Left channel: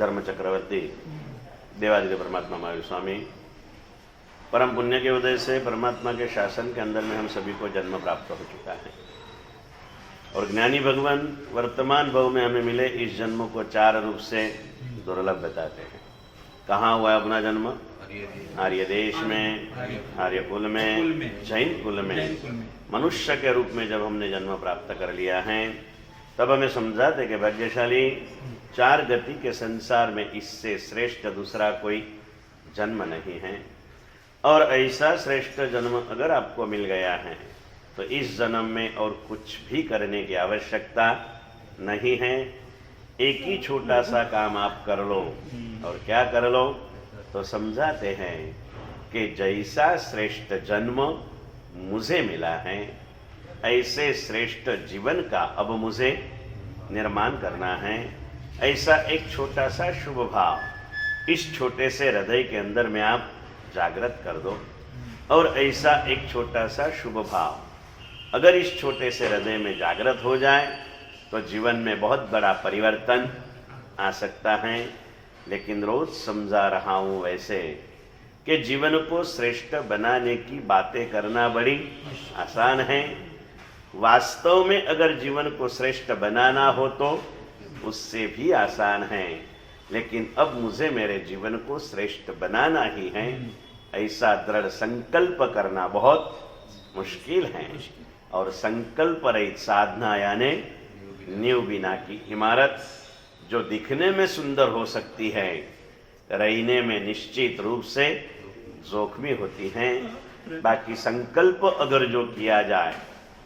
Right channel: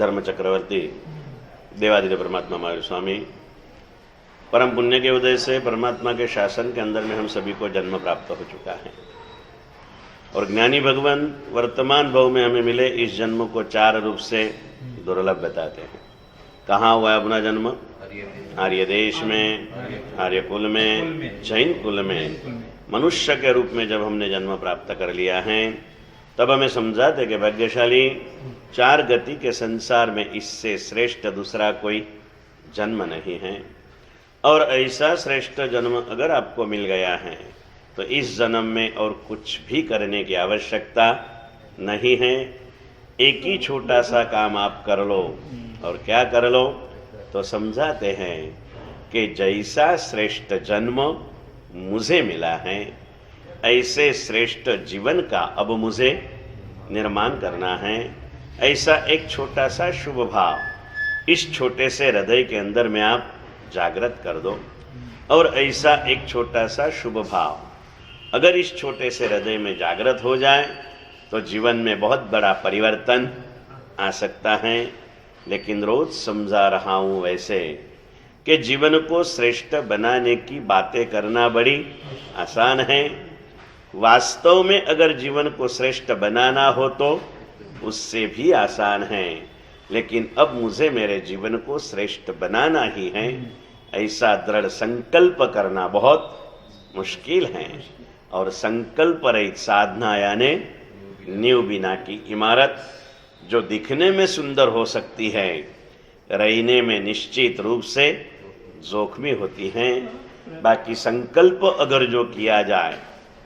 धर्म चक्रवर्ती देवादिदेव परमात्मा महावीर स्वामी, परम पुण्य के उदय से परमात्मा के शासन के अंदर में हम सभी को जन्म प्राप्त हो चुका है और ज्ञानी भगवान वर्तमान भव में हमें मिले इस जन्म को चार रूप से दुर्लभ बताते हैं। कहाँ हुआ अपना जन्म? आर्य देश में, आर्य कुल में, जैन कुल में मनुष्य के रूप में जब हमने जन्म प्राप्त कर लिया है तब हमें समझाते कि भाग्यशाली चार गति के संसार में इससे श्रेष्ठ दूसरा कोई जन्म नहीं है और ऐसा श्रेष्ठ जन्म अगर आपको मिल गया है तो इस जन्म में और कुछ भी करने की आवश्यकता नहीं है। एक ही छोटा सा काम आप कर लो और क्या कर लो तो समझाते हैं कि जैसा श्रेष्ठ जन्म मुझे मिला है ऐसे श्रेष्ठ जीवन का अब मुझे निर्माण करना है। ऐसा एक छोटा सा शुभ भाव इस छोटे से हृदय के अंदर में आप जागृत कर दो और ऐसा एक छोटा सा शुभ भाव अगर इस छोटे से हृदय में जागृत हो जाए तो जीवन में बहुत बड़ा परिवर्तन आ सकता है। लेकिन रोज समझा रहा हूँ वैसे कि जीवन को श्रेष्ठ बनाने की बातें करना बड़ी आसान है, वास्तव में अगर जीवन को श्रेष्ठ बनाना हो तो उससे भी आसान है। लेकिन अब मुझे मेरे जीवन को श्रेष्ठ बनाना ही है ऐसा दृढ़ संकल्प करना बहुत मुश्किल है और संकल्प रहित साधना यानी नींव बिना की इमारत जो दिखने में सुंदर हो सकती है रहने में निश्चित रूप से जोखमी होती है। बाकी संकल्प अगर जो किया जाए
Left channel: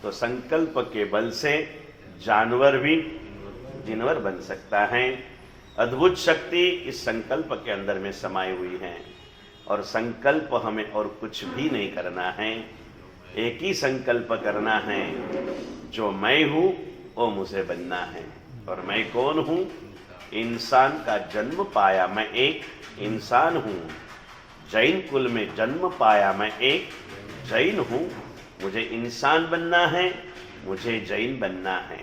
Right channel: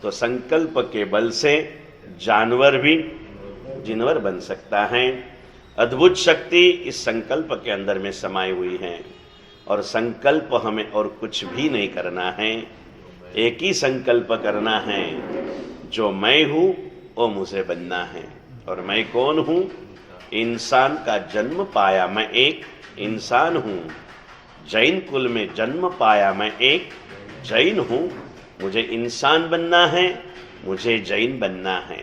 तो संकल्प के बल से जानवर भी जिनवर बन सकता है। अद्भुत शक्ति इस संकल्प के अंदर में समाई हुई है और संकल्प हमें और कुछ भी नहीं करना है, एक ही संकल्प करना है, जो मैं हूँ वो मुझे बनना है। और मैं कौन हूँ? इंसान का जन्म पाया मैं एक इंसान हूँ, जैन कुल में जन्म पाया मैं एक जैन हूँ। मुझे इंसान बनना है, मुझे जैन बनना है।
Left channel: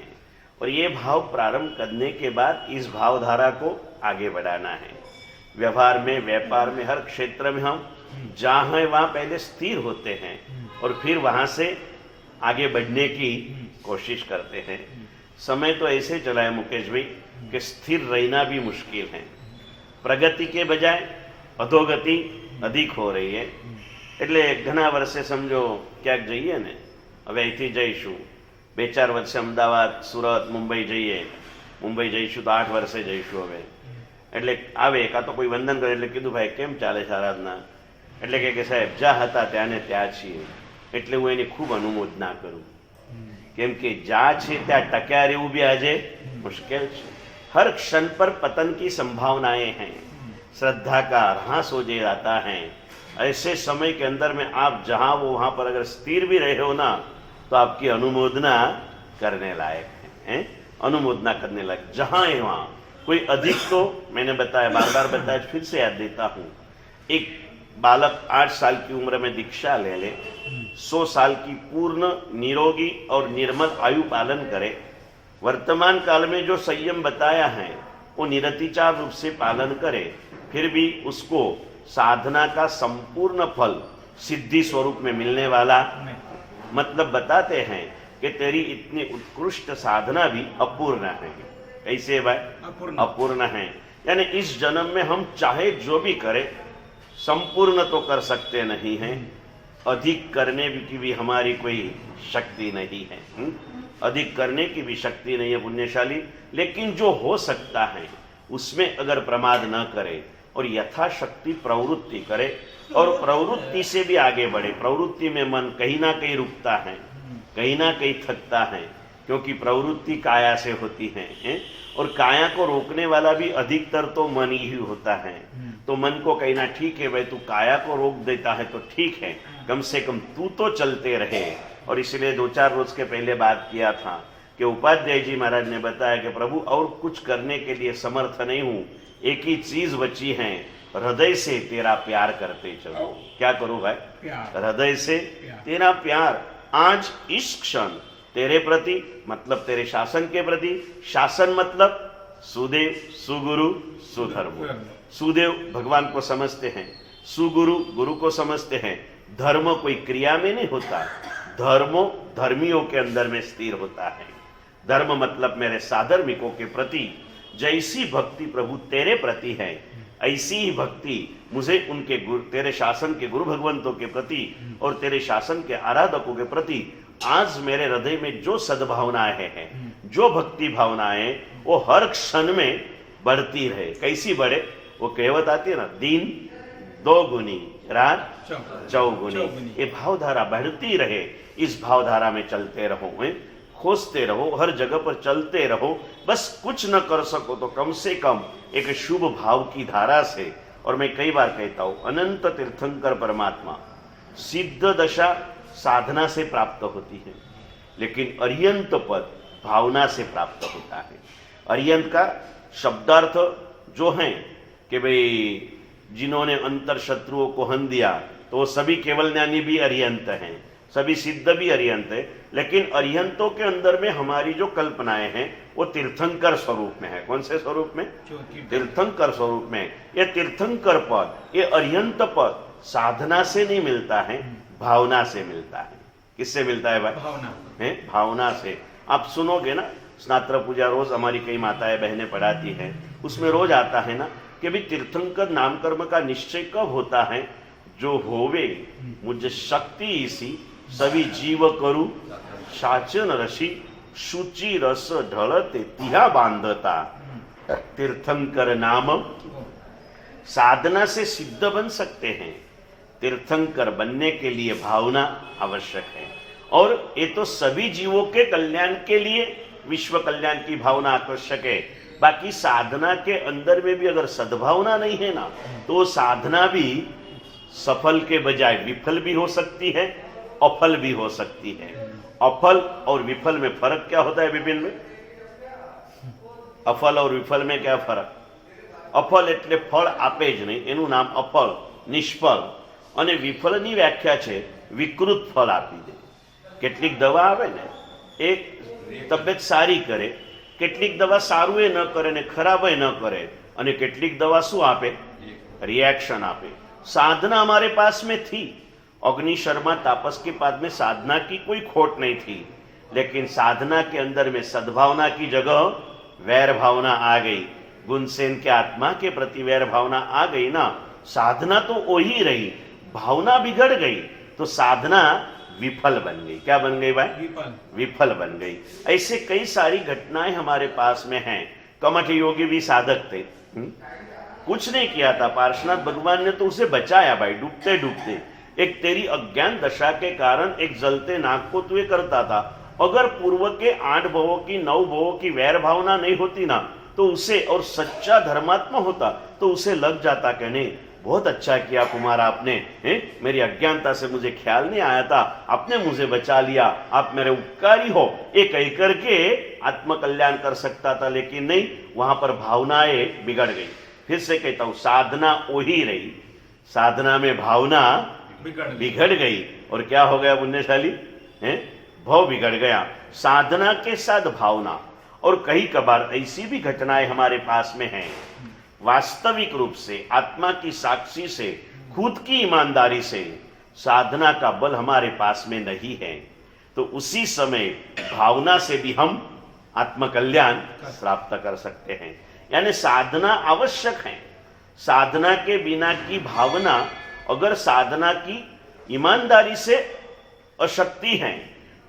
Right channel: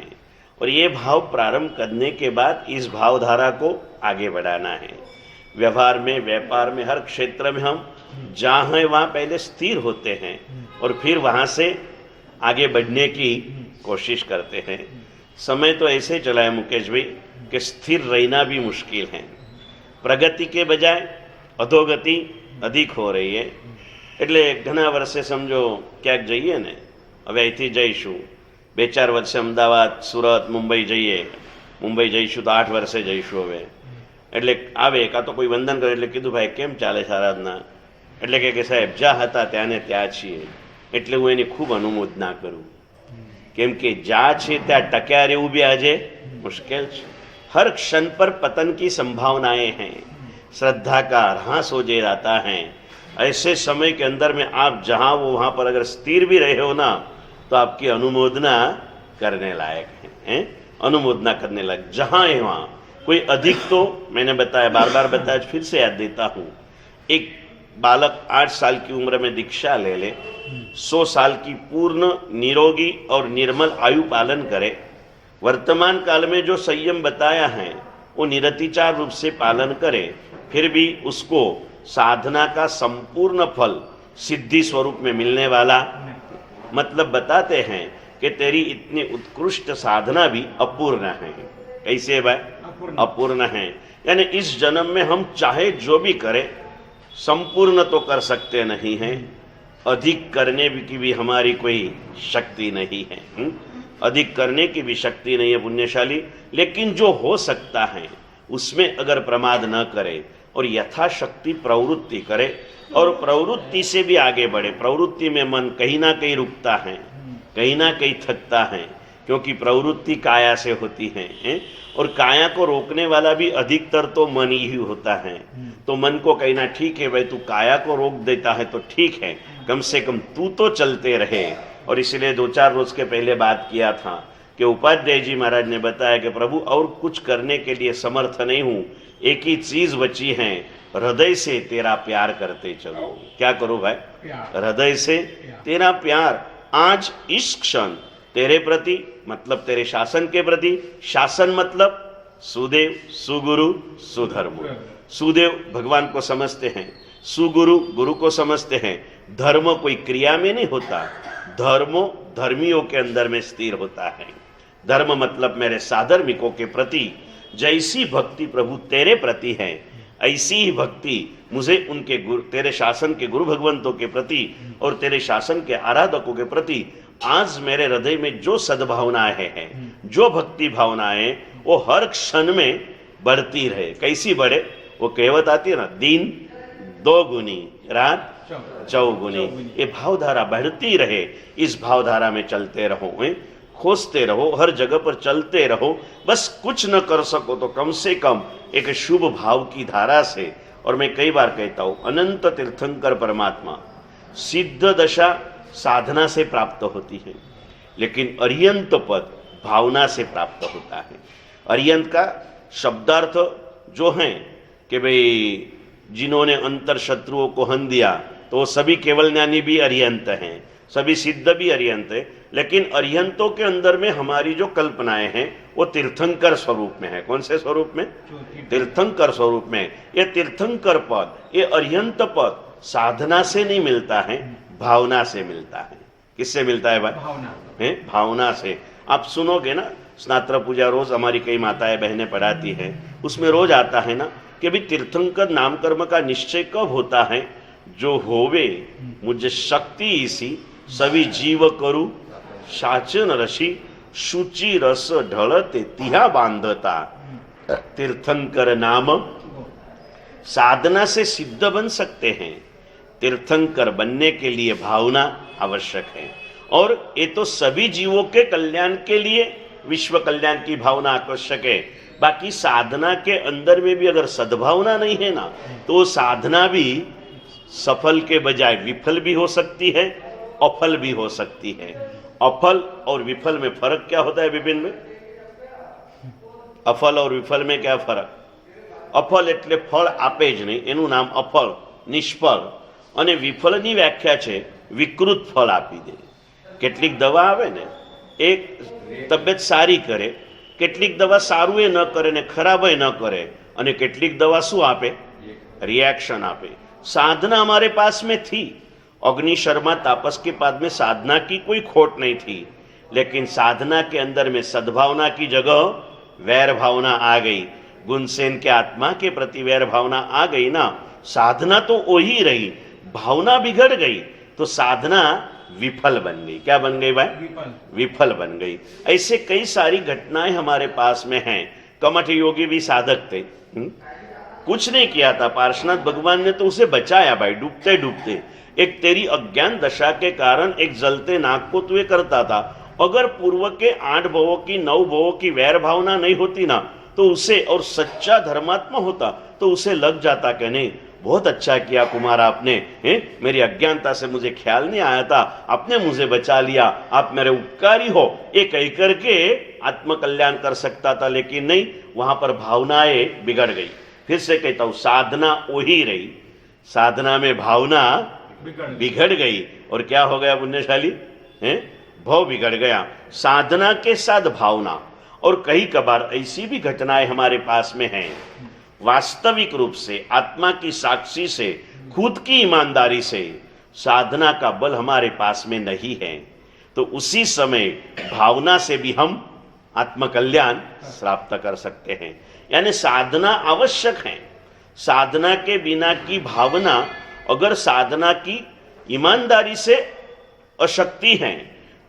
और ये भाव प्रारंभ करने के बाद इस भावधारा को आगे बढ़ाना है। व्यवहार में, व्यापार में, हर क्षेत्र में हम जहाँ हैं वहाँ पहले स्थिर होते हैं और फिर वहाँ से आगे बढ़ने की कोशिश करते हैं। समय तो ऐसे चला है मुकेश भाई कि स्थिर रहना भी मुश्किल है। प्रगति के बजाय अधोगति अधिक हो रही है। એટલે ઘણા વર્ષે સમજો ક્યાંક જઈએ ને, હવે અહીંથી જઈશું 2-4 વર્ષે અમદાવાદ, સુરત, મુંબઈ જઈએ, મુંબઈ જઈશું તો 8 વર્ષે જઈશું હવે। એટલે આવે કાં તો કોઈ વંદન કરે એટલે કીધું ભાઈ કેમ ચાલે છે આરાધના? એટલે કે સાહેબ જ્યાં હતા ત્યાંને ત્યાં છીએ। એટલે હું એની ખૂબ અનુમોદના કરું કેમ કે જ્યાં છે ત્યાં ટક્યા રહેવું બી આજે મુશ્કેલ છે। हर क्षण पर पतन की संभावनाएं हैं, श्रद्धा का ह्रास हो जाता है। ऐसे समय के अंदर में आप जहाँ वो वहाँ पर अगर स्थिर भी रहे हो ना तो आपकी अनुमोदना करने लायक है, अनुमोदना करने लायक। जहाँ है वहाँ कोई अधिक तो मैंने बताया, बार बार बताया, फिर से याद देता हूँ। एक बालक 8 साल की उम्र में दीक्षा ले ले, 100 साल की पूर्ण निरोगी और निर्मल आयु पालन करे, वर्तमान काल में जो संयम बताया है वो निरतिचार रूप से पालन करे, फिर भी उसको साधना का संपूर्ण फल सिद्धि स्वरूप में मिलने वाला, मतलब बताते हैं कि तेरी इतनी उत्कृष्ट साधना भी अपूर्ण है। कैसे भाई? अपूर्ण है। यानी इस जन्म में हम चाहे जो भी करें संपूर्ण तो कर सकते नहीं हैं, अधिक करने की भी हमारी कोई शक्ति नहीं है। अधिक करने की भी शक्ति नहीं है पुण्यशाली। लेकिन जो हो सकता है उसमें अगर प्रमाद न करे और यथाशक्ति प्रवृत्ति करे और प्रवृत्ति से भी आगे बढ़े। प्रवृत्ति में मन कहीं ना कहीं रुकता है, कहीं ना कहीं थकता है, क्योंकि प्रवृत्ति काया से होती है और काया को रोकने वाला भी अधिकतर तो मन ही होता है। तो मन को कहना ठीक है भाई तू काया को रोक देता है तो ठीक है, कम से कम तू तो चलते रहे। और इसलिए 2-4 रोज के पहले बात किया था कि उपाध्याय जी महाराज ने बताया कि प्रभु और कुछ करने के लिए समर्थ नहीं हूँ, एक ही चीज बची है, हृदय से तेरा प्यार करते चलो। क्या करो भाई? हृदय से तेरा प्यार। आज इस क्षण तेरे प्रति, मतलब तेरे शासन के प्रति, शासन मतलब सुदेव, सुगुरु, सुधर्म। सुदेव भगवान को समझते हैं, सुगुरु गुरु को समझते हैं। धर्म कोई क्रिया में नहीं होता, धर्म धर्मियों के अंदर में स्थिर होता है। धर्म मतलब मेरे साधर्मिकों के प्रति जैसी भक्ति प्रभु तेरे प्रति है, ऐसी ही भक्ति मुझे उनके गुरु, तेरे शासन के गुरु भगवंतों के प्रति और तेरे शासन के आराधकों के प्रति आज मेरे हृदय में जो सद्भावनाएं हैं, जो भक्ति भावनाएं, वो हर क्षण में बढ़ती रहे। कैसी बढ़े? वो कहावत आती है ना, दिन दो गुनी रात चौगुनी। ये भावधारा बढ़ती रहे, इस भावधारा में चलते रहो, खोजते रहो, हर जगह पर चलते रहो। बस कुछ न कर सको तो कम से कम एक शुभ भाव की धारा से, और मैं कई बार कहता हूं, अनंत तीर्थंकर परमात्मा सिद्ध दशा साधना से प्राप्त होती है, लेकिन अर्यंत पद भावना से प्राप्त होता है। अर्यंत का शब्दार्थ जो है कि भाई जिन्होंने अंतर शत्रुओं को हन दिया, तो वो सभी केवल ज्ञानी भी अर्यंत हैं, सभी सिद्ध भी अर्यंत है। लेकिन अर्यंतों के अंदर में हमारी जो कल्पनाएं हैं वो तीर्थंकर स्वरूप में है। कौन से स्वरूप में? तीर्थंकर स्वरूप में। ये तीर्थंकर पद, ये अर्यंत पद साधना से नहीं मिलता है, भावना से मिलता है। किससे मिलता है भाई? भावना है, भावना से। आप सुनोगे ना, स्नात्र पूजा रोज हमारी कई माताएं बहनें पढ़ाती हैं, उसमें रोज आता है ना कि भी तीर्थंकर नाम कर्म का निश्चय कब होता है? जो होवे मुझे शक्ति इसी सभी जीव करू शाचन रसी शुचि रस ढलते तिहा बांधता। तीर्थंकर नाम साधना से सिद्ध बन सकते हैं। तीर्थंकर बनने के लिए भावना आवश्यक है, और ये तो सभी जीवों के कल्याण के लिए विश्व कल्याण की भावना आवश्यक है। बाकी साधना के अंदर में भी अगर सद्भावना नहीं है ना, तो साधना भी सफल के बजाय विफल भी हो सकती है, अफल भी हो सकती है। अफल और विफल में फर्क क्या होता है विभिन्न में? अफल और विफल में क्या फर्क? अफल એટલે ફળ આપે જ નહીં, એનું નામ અફળ, નિષ્ફળ। અને વિફળની વ્યાખ્યા છે વિકૃત ફળ આપી દે। કેટલીક દવા આવે ને, એક તબિયત સારી કરે, કેટલીક દવા સારું એ ન કરે ને ખરાબ એ ન કરે, અને કેટલીક દવા શું આપે? रिएक्शन आपे। साधना हमारे पास में थी, अग्नि शर्मा तापस के पाद में साधना की कोई खोट नहीं थी, लेकिन साधना के अंदर में सद्भावना की जगह वैर भावना आ गई। गुणसेन के आत्मा के प्रति वैर भावना आ गई ना, साधना तो वही रही, भावना बिगड़ गई तो साधना विफल बन गई। क्या बन गई भाई? विफल बन गई। ऐसे कई सारी घटनाएं हमारे पास में हैं। कमठ योगी भी साधक थे, कुछ नहीं किया था, पार्श्वनाथ भगवान ने तो उसे बचाया भाई, डूबते डूबते। एक तेरी अज्ञान दशा के कारण एक जलते नाक को तू करता था, अगर पूर्व के 8 भवों की 9 भवों की वैर भावना नहीं होती ना, तो उसे, और सच्चा धर्मात्मा होता तो उसे लग जाता कि नहीं बहुत अच्छा किया कुमार आपने, मेरी अज्ञानता से मुझे ख्याल नहीं आया था, आपने मुझे बचा लिया, आप मेरे उपकारी हो, ये कह करके आत्मकल्याण कर सकता था। लेकिन नहीं, वहां पर भावनाएं बिगड़ गई। फिर से कहता हूं, साधना वही रही, साधना में भावना बिगड़ गई। और क्या हो गया पुण्यशाली? भाव बिगड़ गया, साधना के साथ भावना। और कई कबार ऐसी भी घटनाएं हमारे पास में हैं, वास्तविक रूप से आत्मा की साक्षी से, खुद की ईमानदारी से साधना का बल हमारे पास में नहीं है, तो उसी समय भावना से भी हम आत्मकल्याण प्राप्त कर सकते हैं। यानी साधना आवश्यक है। साधना के बिना की भावना, अगर साधना की ईमानदारी से अशक्ति है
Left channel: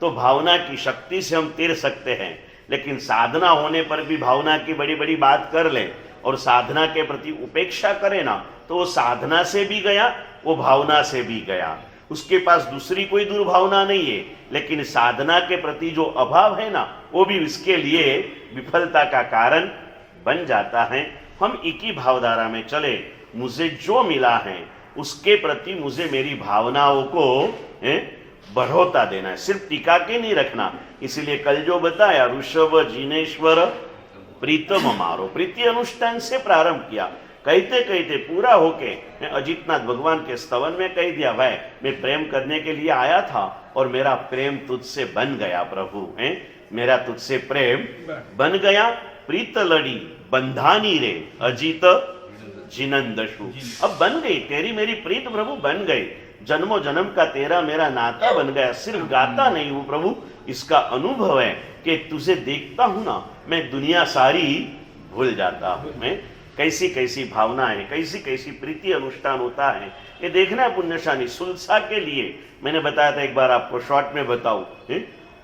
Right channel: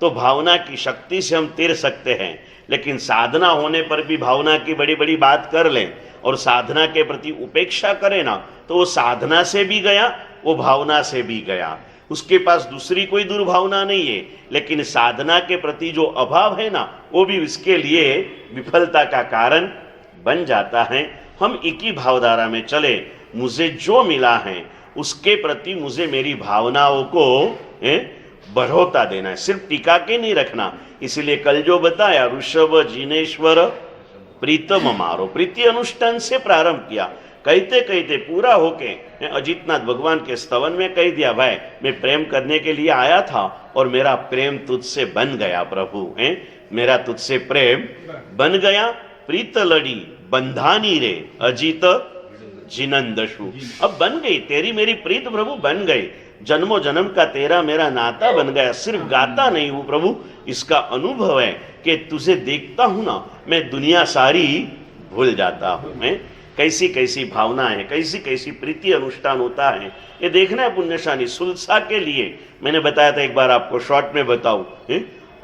तो भावना की शक्ति से हम तीर सकते हैं। लेकिन साधना होने पर भी भावना की बड़ी बड़ी बात कर लें और साधना के प्रति उपेक्षा करें ना, तो वो साधना से भी गया, वो भावना से भी गया। उसके पास दूसरी कोई दुर्भावना नहीं है, लेकिन साधना के प्रति जो अभाव है ना, वो भी उसके लिए विफलता का कारण बन जाता है। हम एक ही भावधारा में चले, मुझे जो मिला है उसके प्रति मुझे मेरी भावनाओं को बढ़ोता देना है, सिर्फ टीका के नहीं रखना। इसीलिए कल जो बताया, ऋषभ जिनेश्वर प्रीतम मारो, प्रीति अनुष्ठान से प्रारंभ किया। कहते कहते पूरा होके अजितनाथ भगवान के स्तवन में कह दिया, भाई मैं प्रेम करने के लिए आया था और मेरा प्रेम तुझसे बन गया प्रभु, मेरा तुझसे प्रेम बन गया। प्रीत लड़ी बंधानी रे अजीत जिनंदशु। अब बन गई तेरी मेरी प्रीत प्रभु, बन गई जन्मों जन्म का तेरा मेरा नाता बन गया। सिर्फ गाता नहीं हूं प्रभु, इसका अनुभव है कि तुझे देखता हूं ना, मैं दुनिया सारी भूल जाता हूं। मैं कैसी कैसी भावना है, कैसी कैसी प्रीति अनुष्ठान होता है, ये देखना है पुण्यशाली। सुलसा के लिए मैंने बताया था, एक बार आपको शॉर्ट में बताऊं,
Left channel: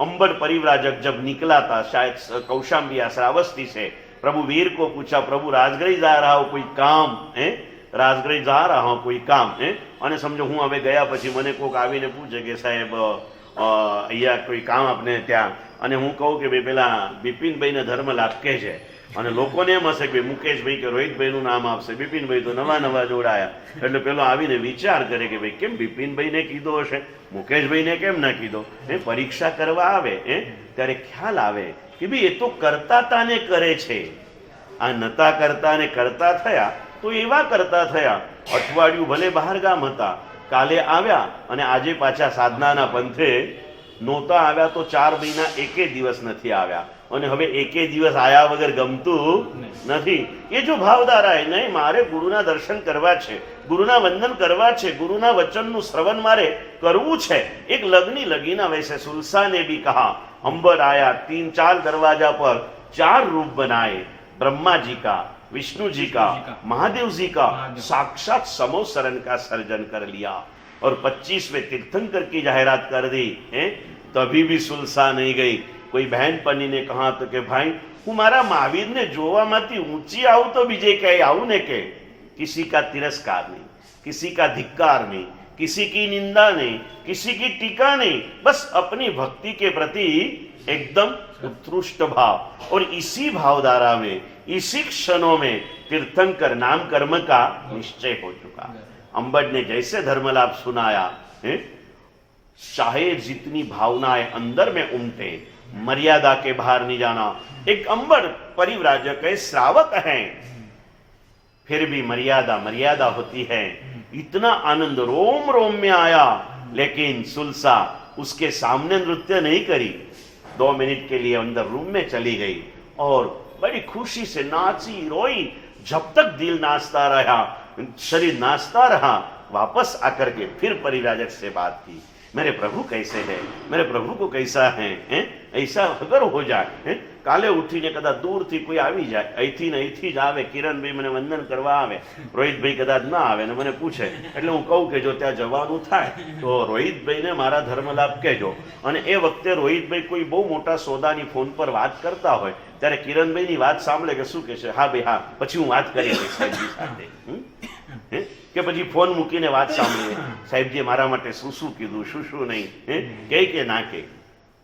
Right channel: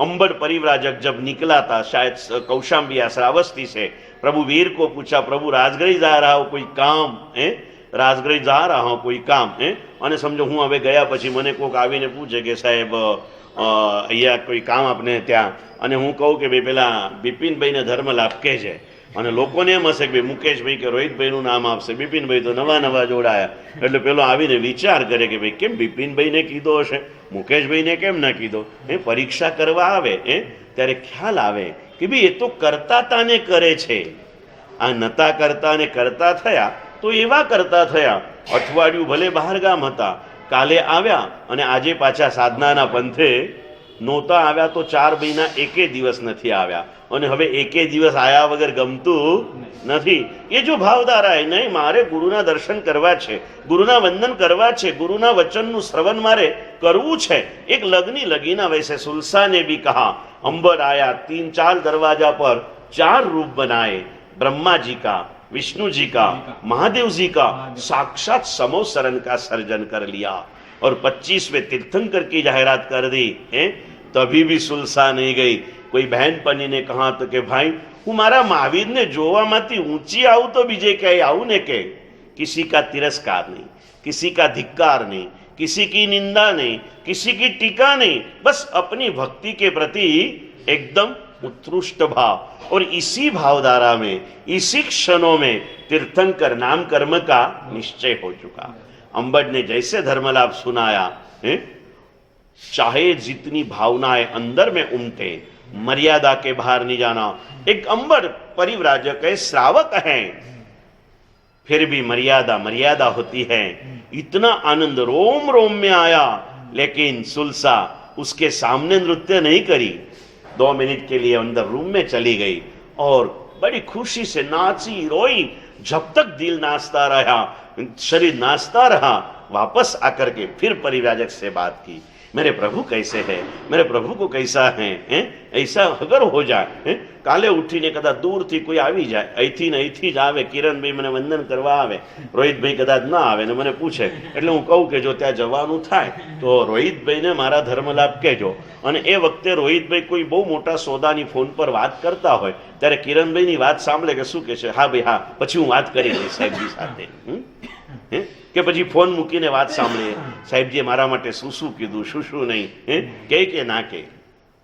अंबड़ परिव्राजक जब निकला था शायद कौशाम्बी श्रावस्ती से, प्रभु वीर को पूछा, प्रभु राजगढ़ जा रहा हो कोई काम है, राजगढ़ जा रहा हूं कोई काम है, અને સમજો હું હવે ગયા પછી મને કોઈક આવીને પૂછે કે સાહેબ અહીંયા કોઈ કામ આપને ત્યાં, અને હું કહું કે ભાઈ પેલા બિપિનભાઈને ધર્મ લાભ કહેજે, અને લોકોને એમ હશે કે ભાઈ મુકેશભાઈ કે રોહિતભાઈનું નામ આપશે, બિપિનભાઈ તો નવા નવા જોડાયા, એટલે પેલો આવીને વિચાર કરે કે ભાઈ કેમ બિપિનભાઈને કીધો હશે, મુકેશભાઈને કેમ ના કીધો। પરીક્ષા કરવા આવે ત્યારે ખ્યાલ આવે કે ભાઈ એ તો કરતાતાને કરે છે, આ નતા કરતા ને કરતા થયા તો એવા કરતા થયા। અઠવાડિયું ભલે બહાર ગામ હતા, કાલે આવ્યા અને આજે પાછા સાધનાના પંથે નહોતા આવ્યા તો 4 મહિના એકે દિવસ નથી આવ્યા, અને હવે એકે દિવસ આયા વગર ગમતું નથી। એ જો ભાવધારા है, નહીં મારે ગુરુના દર્શન કરવા છે, ગુરુના વંદન કરવા છે, ગુરુના વચનનું શ્રવણ મારે કરવું છે। એક લગ્ની લગીના वैसे सुलसा ने भी कहा, अंबर आया 3-4 दरवाजा पर 4 रूप बनाए, ब्रह्मा जी का, विष्णु जी का, महादेव जी का, साक्षात समोसरण का सर्जन कर लिया और 25वें तीर्थंकर की जाहिरात कर दी है। तभी भी सुलसा नहीं गई। कोई बहन पनी ने कहा तो कि भाई हूँ मारा महावीर ने जोवा माती ऊंची आऊ तो बीजे कहीं आऊ ने के, किसी का तिरस्कार नहीं, किसी का धिक्कार नहीं, किसी की निंदा नहीं, किसी की टीका नहीं, बस अपनी भक्ति के प्रति एकदम उत्कृष्ट भाव। और इसी भावधारा में, इसी क्षणों में तीर्थंकर नाम कर्म का निश्चय हो चुका। अंबड़ ने जैसे धर्मलाभ सुनाया, चाहे जितनी भावनाएं अंदर में उमटे, मर्यादा के बाहर नहीं जाना। एक अंबड़ परिव्राजक है, श्रावक है, फिर भी मर्यादा मर्यादा होती है। इतना आनंद रोम रोम में आया, लेकिन सुलसा उसके सामने नृत्य नहीं करी। 2 मिनट के लिए अंदर रूम में चली गई और बड़ी खुशी से नाची रोई। जब तक दिल नाचता रहा, शरीर नाचता रहा, वापस आकर के फिर परिव्राजक से बात की, मेरे प्रभु कैसे है, मेरे प्रभु को कैसा है, ऐसा अगर हो जाए, काले उठीने कदा दूर थी कोई आवी जाए, અહીંથી ને અહીંથી જ આવે, કિરણભાઈ મને વંદન કરવા આવે, રોહિતભાઈ કદાચ ના આવે ને મને પૂછે, એટલે હું કહું કે જો ત્યાં જવાનું થાય તો રોહિતભાઈને મારા ધર્મલાભ કહેજો। અને એ વખતે રોહિતભાઈ કોઈ બહુ મોટા સોદાની ફોન પર વાત કરતા હોય ત્યારે કિરણભાઈની વાત સાંભળે કે શું કહે છે, હા ભાઈ હા, પછી હું વાત કરી લઈશ સાહેબજી સાથે, કે પછી ફોન મૂકીને વાત સાંભળીએ, સાહેબજીએ મારા માટે શું શું કીધું, શું શું નહીં, કે ના કે।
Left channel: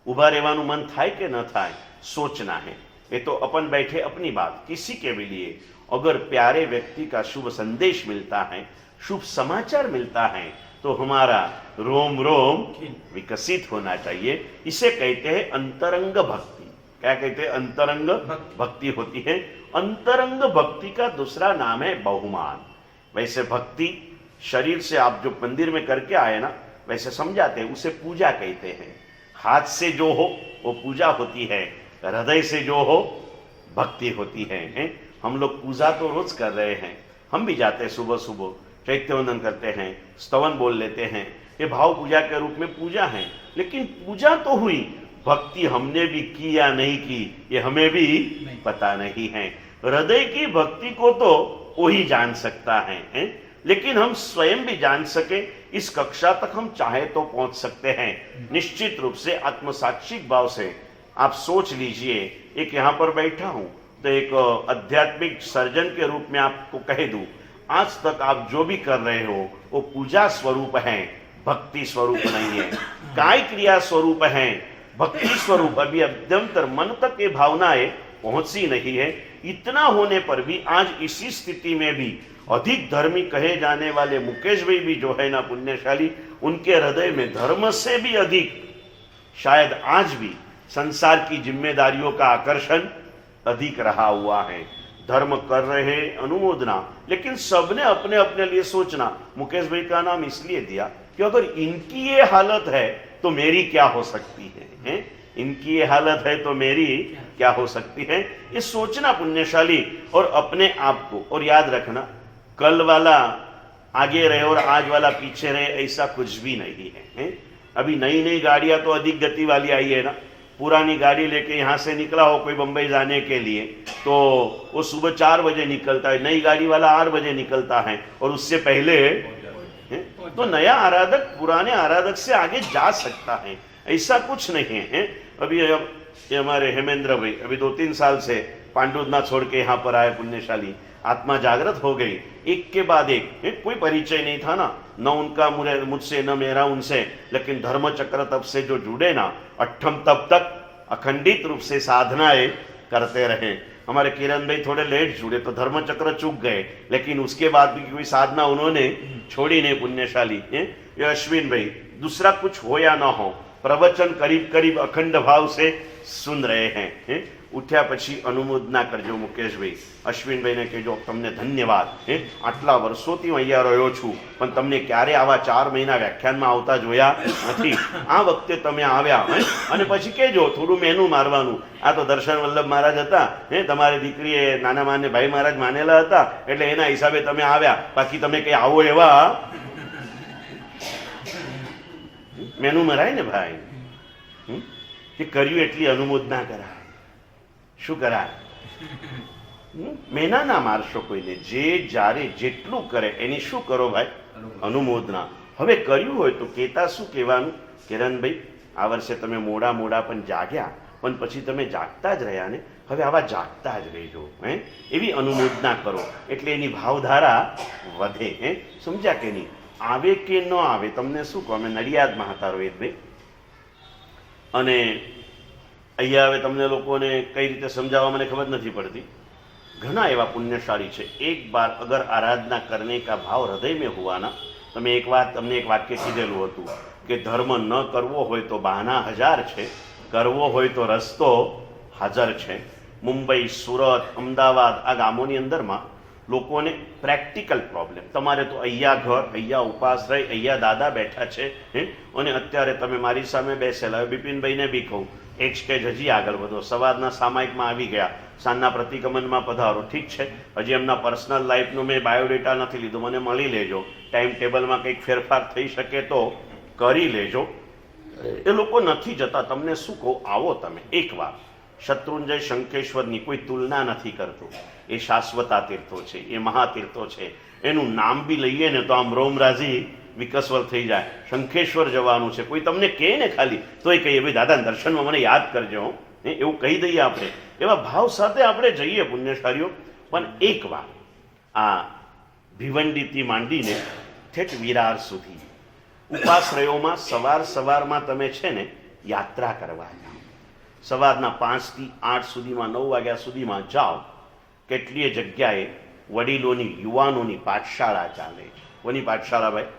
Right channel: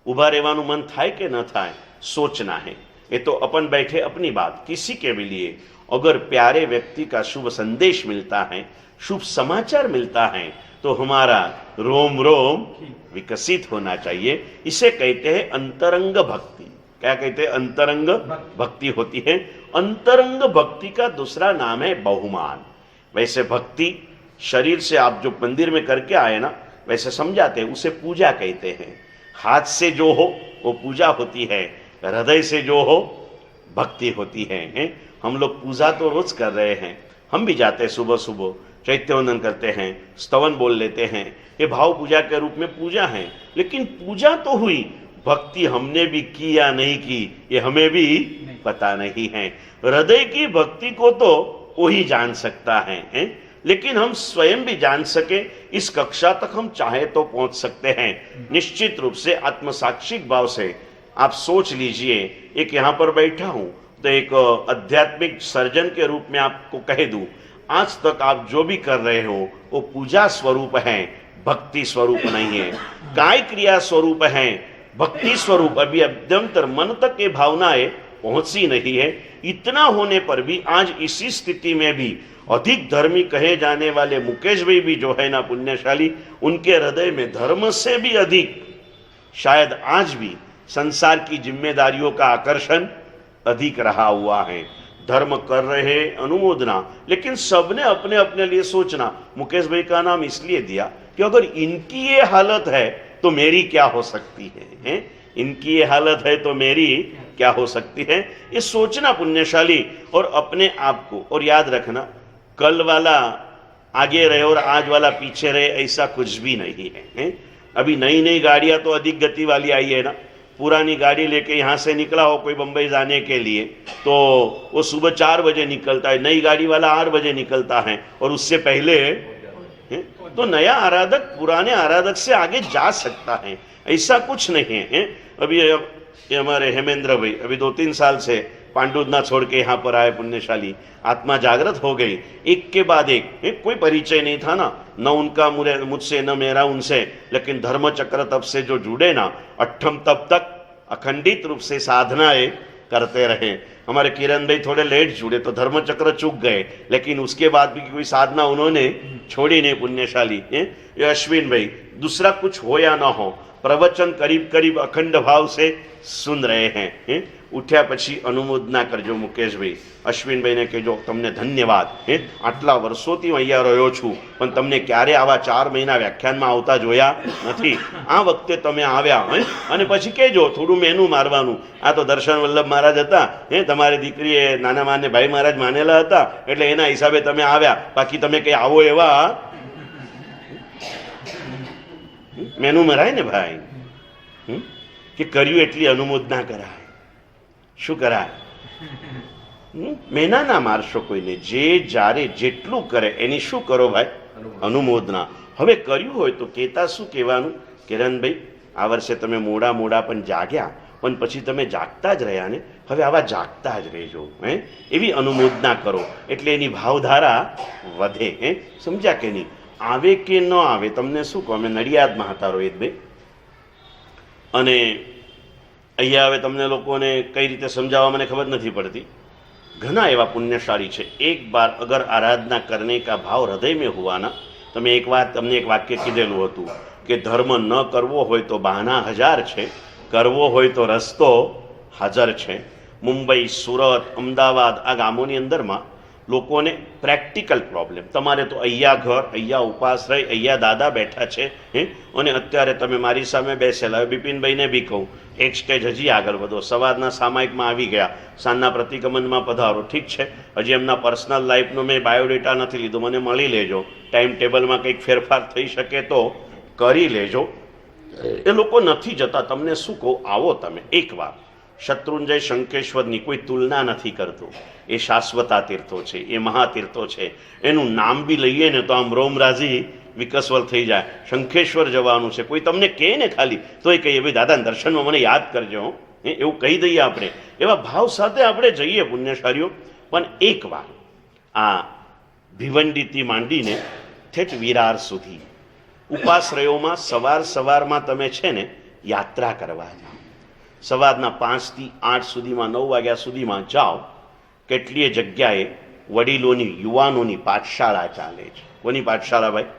ઊભા રહેવાનું મન થાય કે ન થાય, सोचना है। ये तो अपन बैठे अपनी बात, किसी के भी लिए अगर प्यारे व्यक्ति का शुभ संदेश मिलता है, शुभ समाचार मिलता है, तो हमारा रोम रोम विकसित होना चाहिए। इसे कहते हैं अंतरंग भक्ति। क्या कहते हैं? अंतरंग भक्ति होती है। अंतरंग भक्ति का दूसरा नाम है बहुमान। वैसे भक्ति शरीर से आप जो मंदिर में करके आए ना, वैसे समझाते हैं, उसे पूजा कहते हैं। हाथ से जो हो वो पूजा होती है, हृदय से जो हो भक्ति होती है। हम लोग पूजा तो रोज कर रहे हैं, हम भी जाते हैं सुबह सुबह, चैत्यवंदन करते हैं, स्तवन बोल लेते हैं, ये भाव पूजा के रूप में पूजा है। लेकिन पूजा तो हुई, भक्ति हमने भी की या नहीं की ये हमें भी पता नहीं है। हृदय की भक्ति को तो वही जान सकता है, लेकिन हम स्वयं भी जान सके, इस कक्षा तक हम चाहे तो पहुंच सकते हैं। निश्चित रूप से आत्मसाक्षिक भाव से आप सोच लीजिए, एक यहाँ पर बैठा हूं तो एक आध्यात्मिक सर्जन के रूप में आपको कह दूं, आज तक आप जो भी कर रहे हो वो पूजा स्वरूप है, भक्ति स्वरूप नहीं है। काय क्रिया स्वरूप है, भक्ति स्वरूप अभी अभ्यंतर मन तक ये भावनाएं पहुंची नहीं है। इतना होने पर भी आज इसी स्थिति में भी अधिक धर्मी कहे जाने वाले मुकेश भाई भी जो है ना पुण्यशाली, उनके हृदय में धर्म से भी अधिक शायद आज भी संसार की जिम्मेदारियों का आकर्षण अधिक रहा हुआ है। धर्म कर रहे हैं, अनुमोदना, लेकिन सबने अपने अपने लिए सोचना। मुकेश भाई का नाम इसलिए दिया कि अगर इनकी ये हालत है तो मेरी क्या हो सकती है, इनकी ये हालत है तो मेरी क्या हो सकती है, ये सोचना पुण्यशाली और अपने आप को। और याद रखना, कल वाला आगे रहे और आज वाला पीछे रहे, ऐसा कुछ भी नहीं है। अभी नई नई गाड़ियां तो अधिक गति वाली आई है ना। पुरानी गाड़ी लेके यहाँ से निकला हो कोई बंबई जाने के लिए तो वो सुबह 4 बजे निकलता है, नई गाड़ी वाला 8 बजे निकलता है, और उससे पहले तो नया आराधक पुराने आराधक से आगे जा सकता है, ऐसा कुछ नहीं है। अभी ये हमारे हेमेंद्र भाई अभी 2-3 साल से पांडुदना छोड़ के यहाँ पर आए, पुण्यशाली, आत्मा जागृत हो गई, एक के बाद एक, कोई परिचय नहीं था ना, न उनका मुझसे न मेरा उनसे, लेकिन धर्म चक्र तब से जो जुड़े ना, अट्ठम तब तक अखंडित रूप से साधनाएं करते रहे। हमारे किरण भाई थोड़े लेट जुड़े तो धर्म चक्र चूक गए, लेकिन उसके बाद भी कोई साधना उन्होंने छोड़ी नहीं, पुण्यशाली। ये अश्विन भाई, दूसरा कुछ हो या ना हो, प्रवचन करीब करीब अखंड भाव से सुन रहे हैं। उठ्या પછી અનુમોદના કરજો મુકેશભાઈ, અશ્વિનભાઈને કહેજો તમને ધન્યવાદ, આટલા વર્ષોથી હું અહીંયા રહ્યો છું પણ તમને ક્યારે આવા 4 મહિના વ્યાખ્યાનમાં આવતા જોયા નથી, આ વખતે તમે આવ્યા અને પછી કહેજો થોડું મેનુ મારવાનું, આ તો દર્શન વલ્લભ મહારાજ હતા, તમારી દીકરીએ નાના માને ભાઈ મહારાજ માનેલા હતા એટલે એના હિસાબે તમે આવ્યા, બાકી તમે કઈ આવો એવા મેનુ મરાય ને ભાઈ, કે કર્યું એટલી અનુમોદના કરાય, શું કરાય? મહેના ના મારશો કોઈને, જે જ્યારે જેટલું કરે એની શું કરો ભાઈ? અનુમોદના. હવે કર્યું હોય તો કહેતા શું કહેવાનું? કિરણભાઈ, આ વર્ષે તમે મોડા પણ જાગ્યા, પણ પછી તમે જાગતા જ રહ્યા ને, હવે આવા જાગતા જ રહેજો, એવી અનુમોદના કરો, એટલે એની ભાવધારા વધે. સમજ્યા કે નહીં? આવે કે ન આવે, તમને શું કહો, અમે નડિયાદમાં હતા રોહિતભાઈ, અને અહીંયા હવે તમને લોકોને કઈ રીતે સમજાવવા મને ખબર નથી પડતી, ઘણા એવા પુण्यशाली છે, एक बार अगर आराधना करने का भाव हृदय में हुआ ना, તમે એક વાત તમને એક વાક્ય કીધેલું હતું કે ધર્મ ન કરવો હોય તો બહાના 1000 છે, કરવો હોય તો રસ્તો હાજર છે. મુંબઈ, સુરત, અમદાવાદ આ ગામોની અંદરમાં લોકોને પ્રેક્ટિકલ પ્રોબ્લેમ, તમારે તો અહીંયા ઘર, અહીંયા ઉપાશ્રય, અહીંયા દાદા બેઠા છે, અને અત્યારે તમે મારી સામે બેસેલા. બિપિનભાઈને બી કહું, એક સ્ટેજ હજી આગળ વધો, સવારના સામાયિકમાં આવી ગયા, સાંજના પ્રતિગમનમાં પધારો, ઠીક છે, હજી એમના પર્સનલ લાઈફનો મેં બાયોડેટા નથી લીધો, મને મળી લેજો, ટાઈમ ટેબલમાં કંઈક ફેરફાર થઈ શકે તો કરી લેજો. એ લોકો નથી જતા, તમને શું કહું, આવો તમે એકવાર. શત્રુંજય શંકેશ્વરની કોઈ તુલના નથી કરતું, એ શાશ્વતા તીર્થો છે, એ મહાતીર્થો છે, એનું નામ બી લઈએ ને તો આમ રોમરાજી વિકસવલ થઈ જાય. શંખેશ્વર જવાનું છે, કોઈ તમને કહે ને ખાલી તોય કહીએ ભાઈ દાદા દર્શનમાં મને યાદ કરજો, એવું કહી દઈએ આપણે, એવા ભાવ સાથે આપણે જઈએ પુણ્યશાળીઓ. પણ એકવાર આ ભિવંડીથી માંડીને ઠેઠ વિરાર સુધી ઉપાશ્રયોમાં સવારમાં તમે છે ને યાત્રા કરવા જાઓ, સવારના 5 થી 8 સુધીમાં, 9 વાગ્યા સુધીમાં જાઓ. કેટલીય જગ્યાએ વડીલોની, યુવાનોની પાઠશાળા ચાલે છે. કોની પાઠશાળા ભાઈ?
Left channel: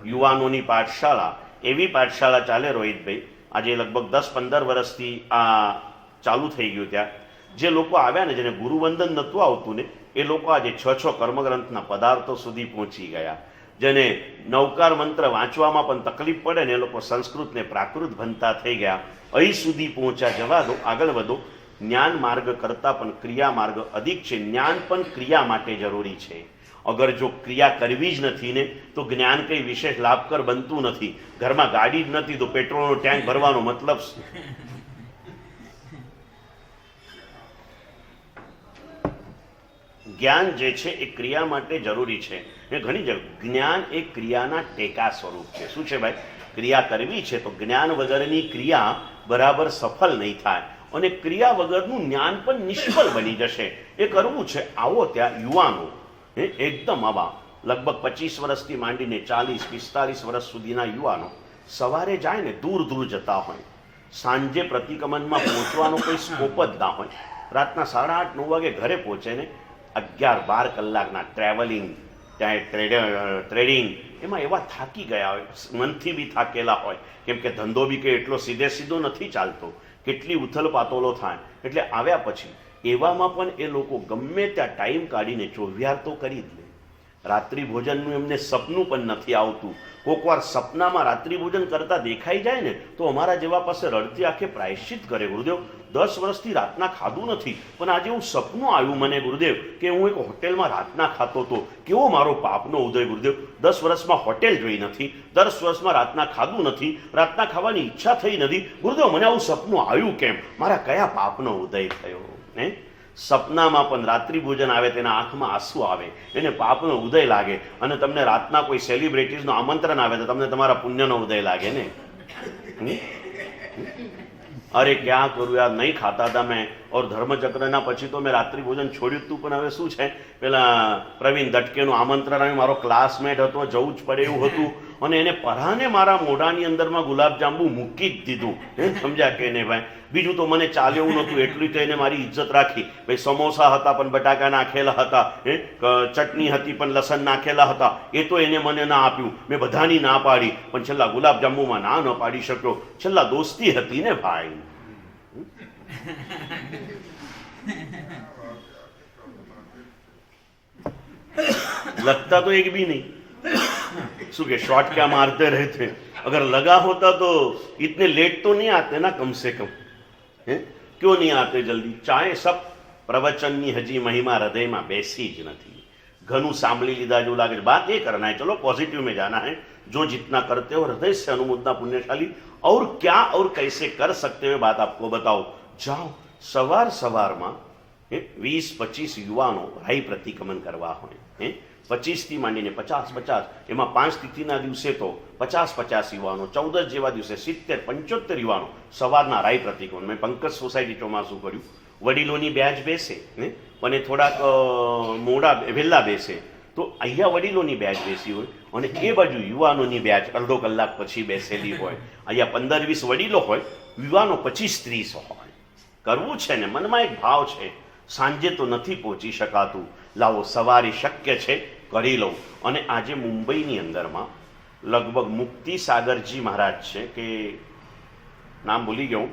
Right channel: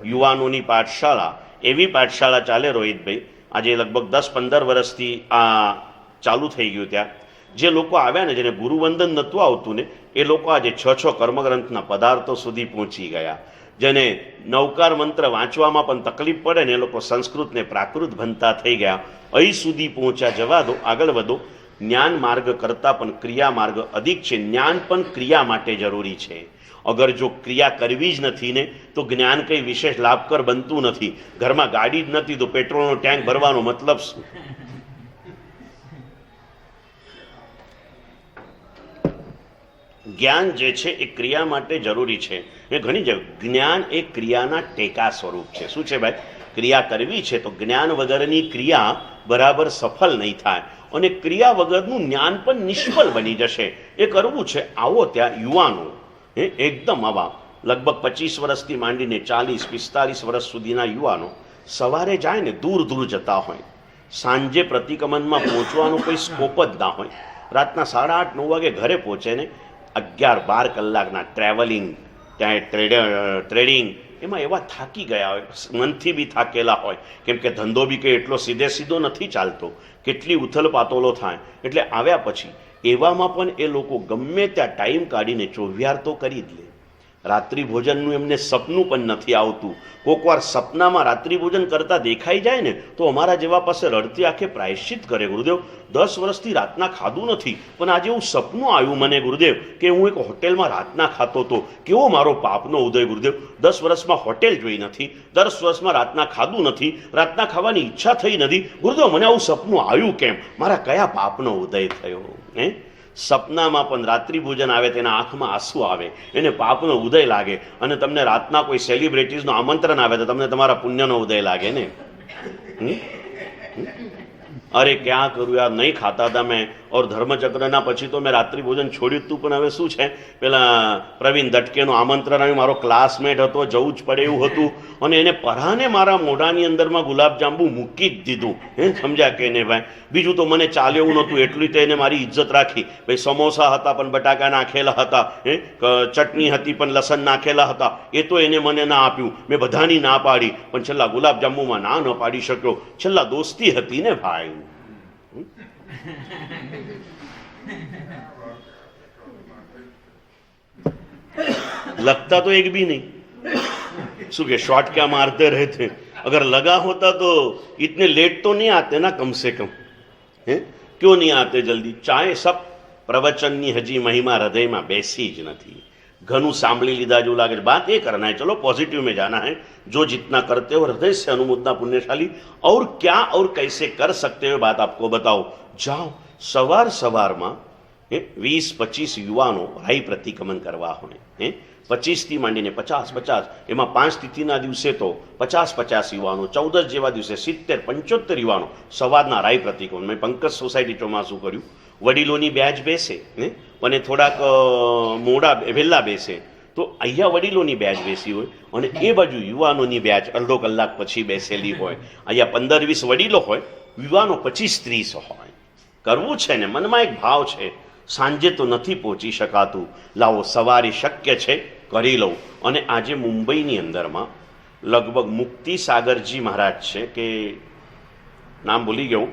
યુવાનોની પાઠશાળા. એવી પાઠશાળા ચાલે રોહિતભાઈ, આજે લગભગ 10-15 વર્ષથી આ ચાલુ થઈ ગયું. ત્યાં જે લોકો આવ્યા ને, જેને ગુરુવંદન નહોતું આવતું ને, એ લોકો આજે 6 કર્મગ્રંથના પદાર્થો સુધી પહોંચી ગયા. જેને નવકાર મંત્ર વાંચવામાં પણ તકલીફ પડે ને, એ લોકો સંસ્કૃત ને પ્રાકૃત ભણતા થઈ ગયા, અહીં સુધી પહોંચ્યા. જવા દો, આગળ વધો. જ્ઞાન માર્ગ કરતાં પણ ક્રિયા માર્ગ અધિક છે. જ્ઞાન પણ ક્રિયા માટે જરૂરી છે. અગર જો ક્રિયા કરવી જ નથી ને તો જ્ઞાન કંઈ વિશેષ લાભકર બનતું નથી. ઘરમાં ગાડી જ નથી તો પેટ્રોલનો ટેન્ક ભરવાનો મતલબ શું? જ્ઞાન જે છે એ ક્રિયા માટે જરૂરી છે. એ ઘણી જગ્યાએ જ્ઞાન એ ક્રિયાના ટેકા સ્વરૂપ છે. શું છે ભાઈ? ક્રિયા કરવી છે તો જ્ઞાન વગરની ક્રિયા બરાબર સફળ નહીં થાય, અને ક્રિયા વગરનું જ્ઞાન પણ નિષ્ફળ બની જશે. એ કરવું છે. આવો ત્યાં યુવાનો, એકદમ આવા લગભગ 25 વર્ષથી માંડીને 40-45 વર્ષ સુધીના યુવાનો સવારે જાય ને, દૂર જતા હોય, સાંજે પ્રતિગમનમાં પહોંચવાનો કોઈ સ્કોપ જ ના હોય, રાતના 8:30-9 વાગે ઘરે પહોંચે ને, 11-12 કલાકના ટ્રાવેલિંગ, ત્યાં ટ્રેડિંગ, એમાં એવા થાકી ગયા હોય, મનથી બી થાકેલા હોય, કેમ કે ધંધો બી કંઈ એટલો સીધો નથી ચાલતો, કેટલી ઉથલ પાતોલો થાય. એટલે આવ્યા પછી એવામાં પણ એ લોકો ગમે ત્યાં ટાઈમ કાઢીને ચોવિહાર તો કરી જ લે. રાત્રિ ભોજનનું એમને સપનું પણ નથી આવતું. કોઈક વાર સપનામાં રાત્રિ ભોજન કરતા દેખાઈ જાય ને તો અમારા જેવા પાસે રડતી આંખે પ્રાયશ્ચિત કરે, ગુરુદેવ 10 વર્ષથી રાતના ખાધું નથી, પણ આજે એવું સપનું આવ્યું મને ગુરુદેવ કે હું એક હોટેલમાં રાતના ખાતો હતો. કેવો મારો પાપનો ઉદય ગુરુદેવ! 10 વર્ષમાં હોટેલ જોઈ નથી, 10 વર્ષમાં રાતના ખાધું નથી, રાતના ખાવાની ઈચ્છા થઈ નથી. ગુરુદેવ મને આવું સપનું આવ્યું કેમ? મારા કયા પાપનો ઉદય થયો? હે, સપનામાં પણ રાત્રિ ભોજન આવે તેના આંખમાં આંસુ આવે, એને પાપનો ઉદય લાગે. અને તમને રાતના કોઈ સેલિબ્રિટીઝનું આમંત્રણ આવે તો તમને તમારા પુણ્યનો ઉદય લાગે ને. અરે ક્યાં કરું યાર, નહીં ખાતા હતા મેં, ઓર ધર્મચક્રના પછી તો મેં રાત્રિ ભોજન છોડ્યું હતું, પણ હવે શું છે, પેલા પ્રવીણ દટકેનું આમંત્રણ આવ્યું, મારો ક્લાસમેટ હતો, જવું જ પડે એવું હતું, અને એને પરાને મારા મોઢાની અંદરમાં ગુલાબજાંબુ મૂકી જ દીધું. હે, સમજ્યા કે ને ભાઈ? બીજું તો મને ચાલે એવું નહોતું, એટલું તો એને મારી ઇજ્જત રાખી. ભાઈ સમોસા હતા પણ બટાકા નાખેલા હતા, હે, ચટણી હતી પણ લસણ નાખેલા હતા, એ તો એને મને ના આપ્યું. મેં બધાની ના પાડી, પણ છેલ્લા ગુલાબજાંબુમાં ના ન પાડી શક્યો. છેલ્લા દોસ્તી હતી ને ભાઈ. लगता तो एक भी नहीं, શું કે शॉट क्या मारते रहते, अगर लगा होता तो इतने लेट तो नहीं आते ना, कम से कम. हैं, क्यों नहीं आते जल्दी? चाहे सब प्रवचनની હજી મહિમા હૃદયમાં બેસી જ નથી. ઘણું સાંભળી લીધા જેવું લાગે છે. बात ये करना है, चलो पॉजिटिव में जाना है. जो जितना करते हो हृदय से अनुमोदना पुण्यशाली, और क्या और कैसे कर सकते हो बात आपको बताओ. જાઓ સવારમાં 20-25 યુવાનો રાઈ પ્રતિક્રમણ કરવા હોય. 25થી માંડીને 50, એમાં 5 તિથિના દિવસે તો 50 યુવાનો, 14 જેવા દિવસે 70-75 યુવાનો સવારના રાઈ પ્રતિક્રમણ. મેં પંકજ સોસાયટી ચોમાસું કર્યું. વડીલોની બેચ બેસે ને, અને થોડાક મોડા વહેલા બેસે, તો અહીંયા વડીલોની બેચ બેસી હોય અને એ બાજુ યુવાનોની બેચ અડધો કલાક પછી બેસેલી હોય. અહીંયા 15-20 વડીલો હોય, યુવાનો 25-30 હોય. કરવું છે ને, મનમાં એક ભાવ છે, સાંજે તો નથી પહોંચી શકાતું, લાવો સવારે શક્ય છે કરી લઉં. અને આજે મુંબઈની અંદરમાં લગભગ મુક્તિ સાગરજી મહારાજ છે, કે નામ ભૂલી ગયો,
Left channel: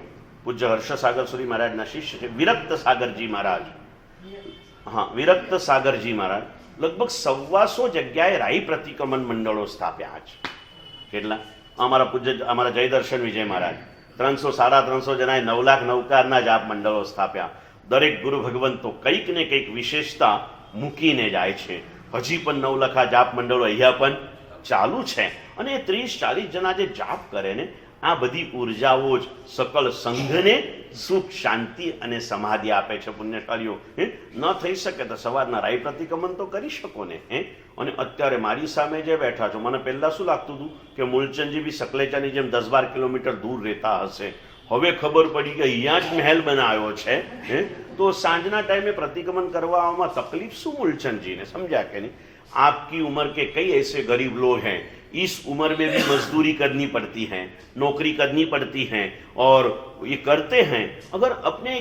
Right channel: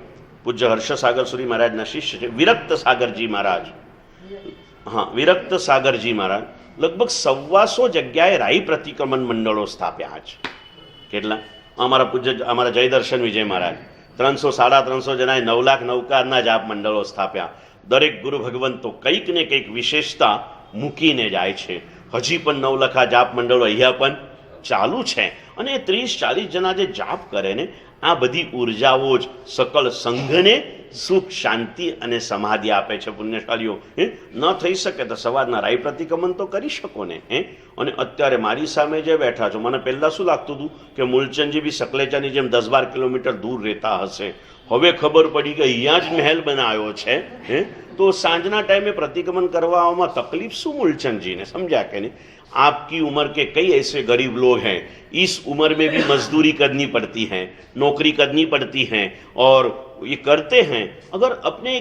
પૂજ્ય હર્ષ સાગરસુરી મહારાજના શિષ્ય છે, વિરક્ત સાગરજી મહારાજ. હા, વિરક્ત સાગરજી મહારાજ લગભગ 125 જગ્યાએ રાઈ પ્રતિક્રમણ મંડળો સ્થાપ્યા છે. કેટલા? અમારા જયદર્શન વિજય મહારાજ 300-350 જણાએ 9 લાખ નવકારના જાપ મંડળો સ્થાપ્યા. દરેક ગુરુ ભગવંતો કંઈક ને કંઈક વિશેષતા મૂકીને જાય છે. હજી પણ 9 લાખ જાપ મંડળો અહીંયા પણ ચાલુ છે. અને 30-40 જણા જે જાપ કરે ને, આ બધી ઉર્જાઓ જ સકલ સંઘને સુખ, શાંતિ અને સમાધિ આપે છે. પુણ્યશાલીઓ, ન થઈ શકે તો સવારના રાઈ પ્રતિક્રમણ તો કરી શકો ને. અને અત્યારે મારી સામે જે બેઠા છો, મને પહેલાં શું લાગતું હતું કે મૂલચંદજી બી સકલેચાની જેમ 10-12 કિલોમીટર દૂર રહેતા હશે. હવે ખબર પડી કે અહીંયા જ મહેલ બનાવ્યો છે. તો સાંજના ટાઈમે પ્રતિક્રમણ કરવામાં તકલીફ શું મૂલચંદજીને? समझा કે नहीं? आपकी उम्र के कई ऐसे गरीब लोग हैं, इस उम्र में भी मजदूरी करनी पड़ती है, नौकरी करनी पड़ती है, और ये करते हैं. अगर अपने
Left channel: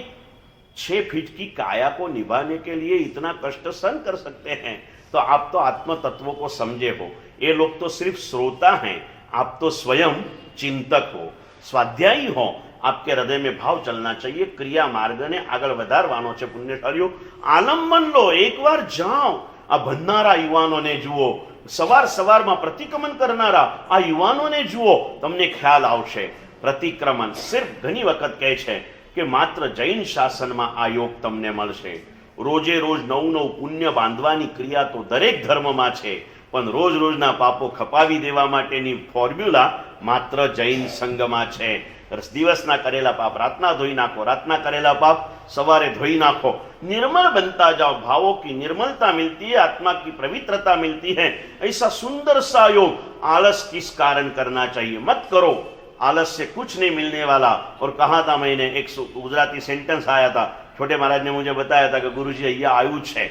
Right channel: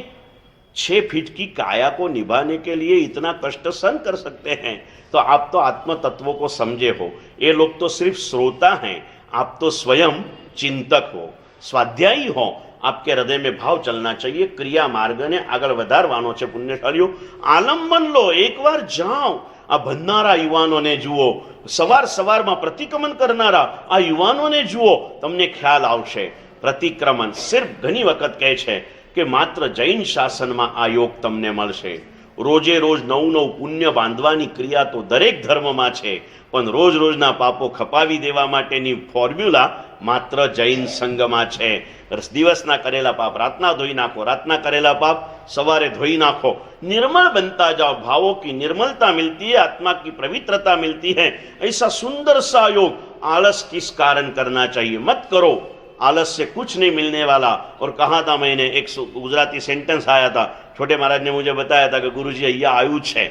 6 फीट की काया को निभाने के लिए इतना कष्ट सहन कर सकते हैं, तो आप तो आत्म तत्वों को समझे हो. ये लोग तो सिर्फ श्रोता हैं, आप तो स्वयं चिंतक हो, स्वाध्यायी हो. आपके हृदय में भाव चलना चाहिए, क्रिया मार्ग ने આગળ વધારવાનો છે. પુણ્યશાલીઓ, આલંબન લો, એકવાર જાઓ. આ ભણનારા યુવાનોને જુઓ, સવારમાં પ્રતિક્રમણ કરનારા આ યુવાનોને જુઓ, તમને ખ્યાલ આવશે. પ્રતિક્રમણ સિર્ફ ઘણી વખત કહે છે કે માત્ર જૈન શાસનમાં આ યોગ તમને મળશે. રોજે રોજ નવું પુણ્ય બાંધવાની ક્રિયા તો દરેક ધર્મમાં છે, પણ રોજના પાપો ખપાવી દેવા માટેની ફોર્મ્યુલા માત્ર જૈન સંઘમાં છે. દિવસના કરેલા પાપ રાતના ધોઈ નાખો, રાતના કરેલા પાપ सवारे धोई नाखो, निर्मल बनता जाओ, भावों की निर्मलता मिलती है, आत्मा की पवित्रता मिलती है. ऐसा सुंदर सा योग आलस किस कारण करना चाहिए? मत करो, आलस से कुछ नहीं मिलने वाला. और कहा था मैंने, एक गुजराती सेंटेंस आया था, छोटे महाराज ने मुझे बताया था कि गुरुजी अहिया आयु छे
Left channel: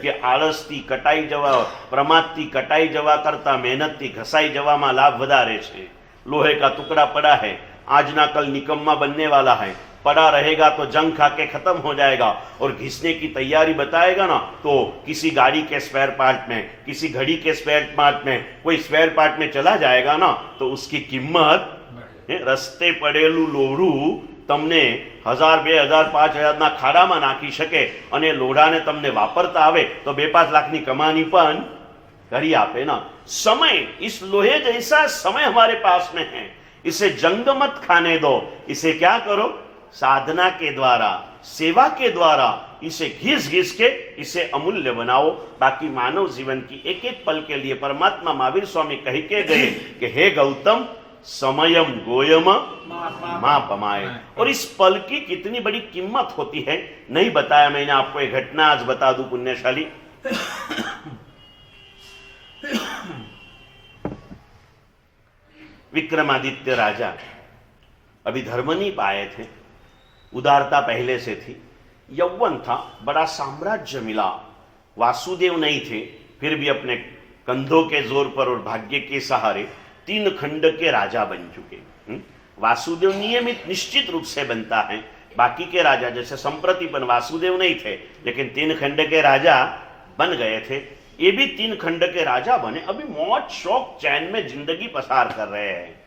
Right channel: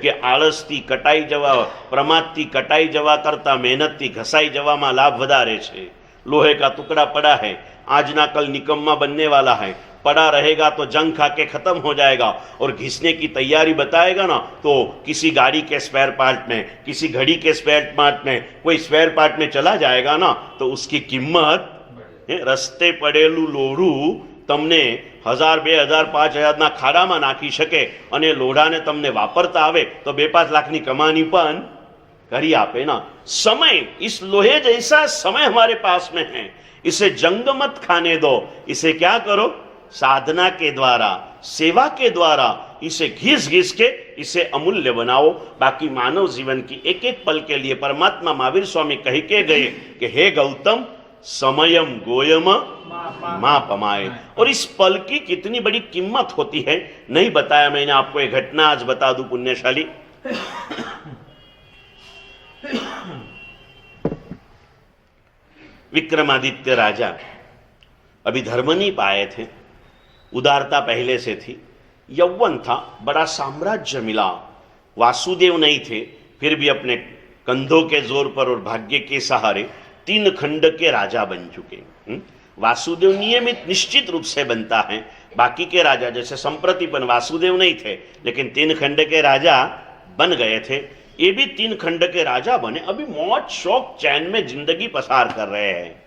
कि आलस थी कटाई जवा, प्रमाद थी कटाई जवा करता मेहनत थी घसाई जवामां लाभ वधारे छे. लोहे का टुकड़ा पड़ा है, आज ना कल निकम्मा बनने वाला है, पड़ा रहेगा तो जंग खा के खत्म हो जाएगा. और घिसने की तैयारी बताएगा ना तो किसी गाड़ी के स्पेयर पार्ट में, किसी घड़ी के स्पेयर पार्ट में, कोई स्पेयर पार्ट में चला जाएगा ना तो उसकी कीमत रस्ते पड़ेलू लोढ़ू तमने 1000, 2000, 5000 ना खाड़ा में नाखी शके. અને લોઢાને તમને વાપરતા આવે તો 2-5 લાખની કમાણી પણ करिए आप, है ना। समय, इस लोहे जैसा समय हमारे पास में है, इसे जंग मत खाने दो। इसे क्या करो, साधना के द्वारा, सेवा के द्वारा इसे घिस घिस के इसे अमूल्य बनाओ। बाकी मानव जीवन की एक एक पल के लिए परमात्मा महावीर स्वामी कह के गए कि हे गौतम, समयम गोयम मां पमाए। और इस पल की कितनी बड़ी कीमत होती है, नहीं बताया मैंने आपको। एक घटना आज बता दूं पुण्यशाली। विक्रमादित्य राजा अभी धर्म नहीं पाए थे, उदारता पहले से थी, यौवन था, बड़ा साम्राज्य मिला, वासुदेव नहीं थे, फिर भी अपने कंधों के जोर पर और भाग्य के सहारे 3 खंड के राजा बन चुके। वासुदेव नियमित निश्चित रूप से बनता है, बाकी के राजा जैसे संप्रतिपन वासुदेव नहीं थे लेकिन 3 खंड के राजा बन गए थे, ये भी 3 खंड के राजा बने, अभी मौज शौक चैन में जिंदगी पसार कर रहे हैं।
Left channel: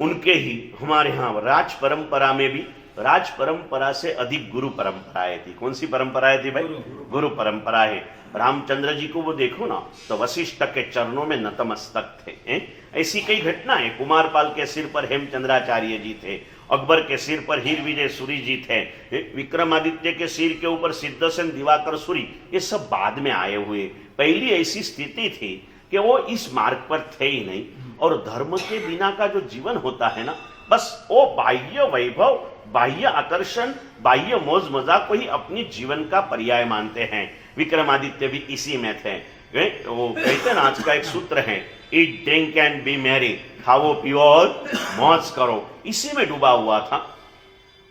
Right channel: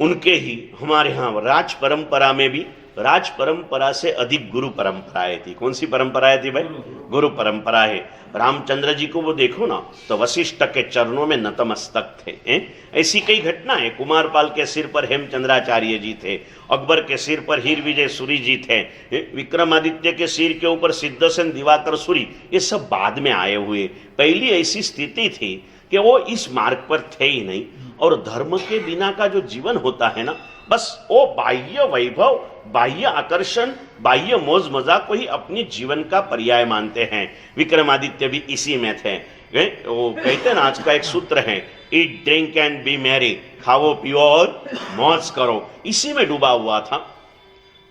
उनके ही हमारे यहां राज परंपरा में भी, राज परंपरा से अधिक गुरु परंपराएं थी। कौन सी परंपराएं थी भाई? गुरु परंपरा है। रामचंद्र जी को वो देखो ना तो वशिष्ठ के चरणों में नतमस्तक थे। ऐसी कई घटना है। कुमारपाल के सिर पर हेमचंद्राचार्य जी थे, अकबर के सिर पर हीर विजय सूरी जी थे, विक्रमादित्य के सिर के ऊपर सिद्धसेन दिवाकर सूरी, ये सब बाद में आए हुए। पहली ऐसी स्थिति थी कि वो इस मार्ग पर थे ही नहीं। और धर्म के बिना का जो जीवन होता है ना, बस वो बाह्य वैभव, बाह्य आकर्षण, बाह्य मौज मजाक को ही अपनी जीवन का पर्याय मानते हैं। विक्रमादित्य भी इसी में थे। वो कहते हैं ना, आज का एक सूत्र है, eat drink and B Mary, खाओ पियो और मौज करो, इसी में डूबा हुआ था।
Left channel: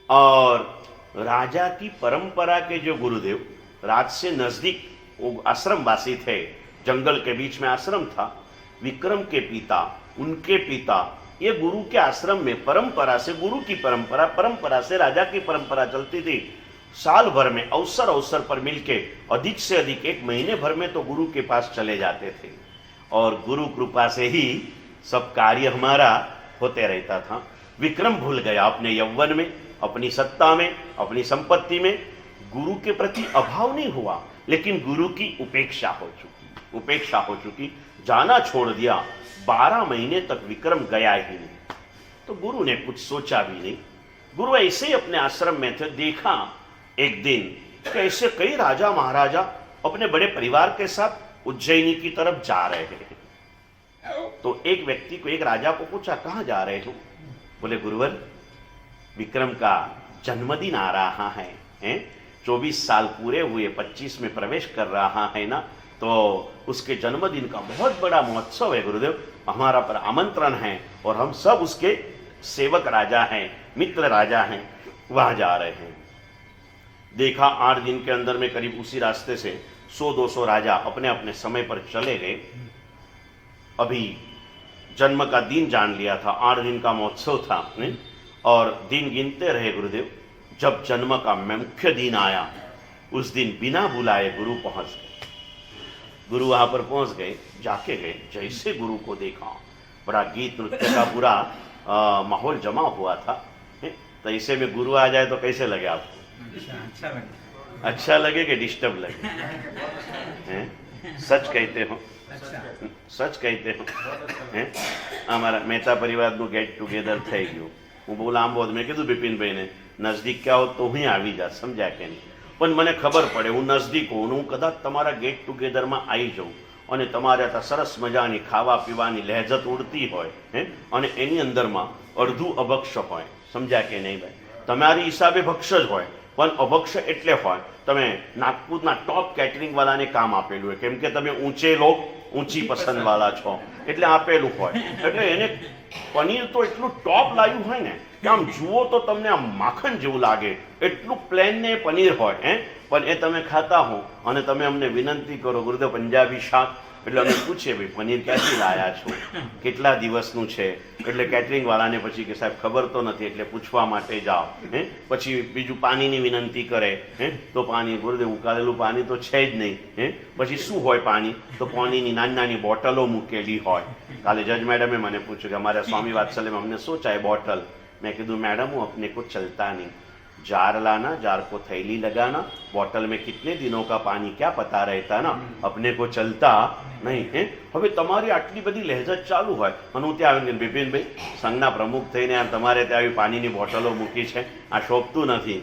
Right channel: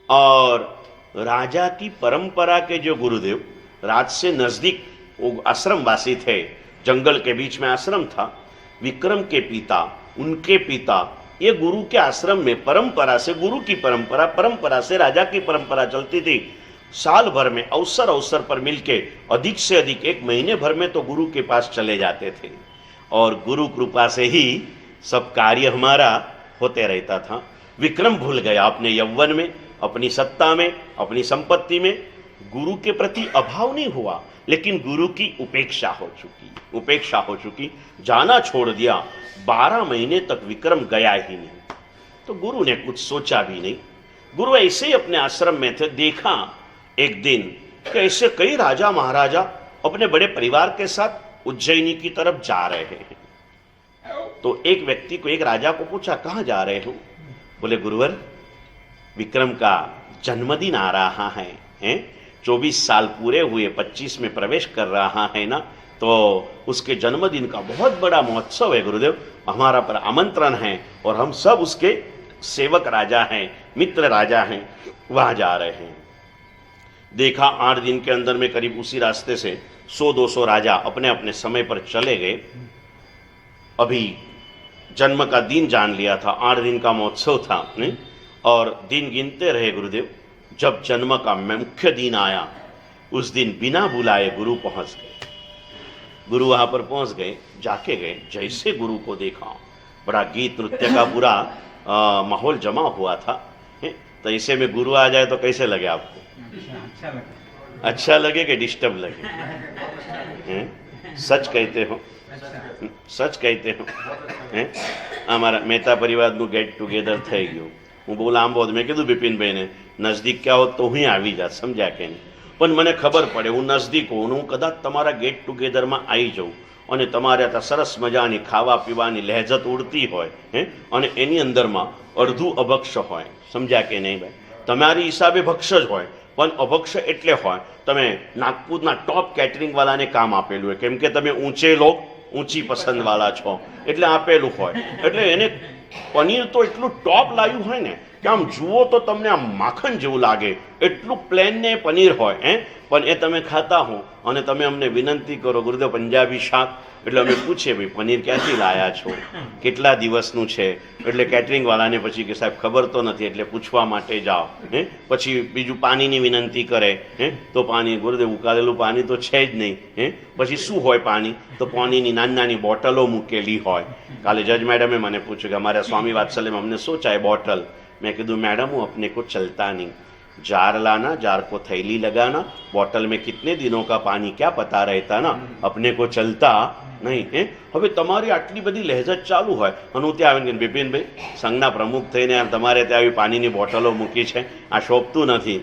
और राजा की परंपरा के जो गुरुदेव, राज से नजदीक वो आश्रमवासी थे, जंगल के बीच में आश्रम था। विक्रम के पिता, उनके पिता, ये गुरु के आश्रम में परंपरा से, गुरु की परंपरा से राजा की परंपरा चलती थी। साल भर में अवसर अवसर पर मिलके अधिक से अधिक 1 महीने भर में तो गुरु के पास चले जाते थे। और गुरु कृपा से ही सब कार्य हमारा होते रहता था। विक्रम भूल गया अपने यौवन में, अपनी सत्ता में, अपनी संपत्ति में। गुरु के प्रति अभाव नहीं हुआ, लेकिन गुरु की उपेक्षा हो चुकी, जाना छोड़ दिया। 12 महीने तक विक्रम गया ही नहीं। तो गुरु ने कुछ सोचा भी नहीं। गुरु ऐसे ही अपने आश्रम में थे, देखा एक दिन कि ऐसे कई राजा महाराजा अपने बड़े परिवार के साथ उज्जैनी की तरफ जा रहे हैं। तो एक व्यक्ति को, एक राजा को पूछा, कहाँ जा रहे हो? बोले, गुरुवर, विक्रम का जन्मदिन आ रहा है, 24 साल पूरे हुए, 25 में प्रवेश कर रहा है ना, तो उसके जन्मदिन का बहुत बड़ा महोत्सव है गुरुदेव, हमारा पर आमंत्रण है और हम सब उसके सेवक राजा हैं, मित्र राजा हैं, वहां जा रहे हैं। देखा 8 दिन के अंदर में करीब उसी रास्ते से 100-200 राजा अपने अपने समय पर चले गए। अभी जन्म का दिन जान लिया था, 8 दिन का महोत्सव था और दिन गिनते रहे गुरुदेव। जब जन्म का मुख्य दिन आया, उस दिन बिना बुलाए गुरु पहुंच गए। गुरु वहां पर पहुंच गए, जाके गए, जैसे गुरु को देखा, बड़ा गीत नृत्य का पूरा माहौल जमा हुआ था। तो ऐसे में गुरु आ जाए तो कैसे लगे आपको? अच्छा लगे कि डिस्टर्ब लगे? सच कहते हो, सच कहते हो। हमारा मेहता परिवार નું गेट टुगेदर થઈ ગયું। હું બહુ લાંબો મેં કીધું બિપિનભાઈ ને, નજદીક ક્યાં હોત તો હું આવી જાત, સમજ્યા કે નહીં? પણ મને ખબર પડે હું નજદીક હોઉં, હું કદાચ તમારા ગેટ ટુગેધરમાં આવી જાઉં અને તમારે ત્યાં સરસ મજાની ખાવા પીવાની લહેજત ઉડતી હોય અને એની અંદરમાં અડધું અભક્ષ હોય, સમજ્યા કે નહીં ભાઈ? તમારી હિસાબે ભક્ષ જ હોય, પણ અભક્ષ એટલે હોય તમે નાગપુરના ટોપ કેટરિંગવાળાને કામ આપેલું હોય, કેમ કે તમે ઊંચે લોક ઊંચી પસંદવાળા છો એટલે આપેલું હોય। એટલે એને પનીર તો એટલું ટોપ લાવ્યું હોય ને કે આમ જુઓ તો તમને આમ માખણ જેવું લાગે, એટલું પ્લેન ને પનીર હોય। પણ એ તમે ખાતા હો અને તમે અમને વિનંતી કરો, ગુરુદેવ પંજાબી શાક, એટલે અમે પૂછીએ ભાઈ પનીર ક્યાંથી લાયા છો, કેટલા દિવસનું છે? એટલે કેટરિંગવાળાને પછી કે સાહેબ ખબર તો નથી, એટલે પૂછવા માટે જાઓ। પછી બીજું પાણીની વિનંતી કરે, તો પાણી, ગુરુદેવ ઉકાળેલું પાણી તો છે જ નહીં। પછી શું હોય પાણી? તો પાણીની નાની નાની બોટલો મૂકેલી હોય। કાલે જજ મેડમે મને પૂછ્યું કે અમારા સ્વામી વાત્સલ્યમાં અમને શું ચાહે બોટલ? मैं कीधु मैडम हूँ अपने को चलता नहीं, जार लाना, जार को थैली लगाना, बोतल में कितने दिनों का पानी क्या पता रहता ना, अपने को चलता નહીં. હવે તમારી આટલી બધી લહેજત ચાલુ હોય અને હું ત્યાં આવીને બિપિનભાઈ સંઘના પ્રમુખ થઈને તમારે ત્યાં આવી પાણીની બોટલો મૂકી છે, આ શોભતું નથી,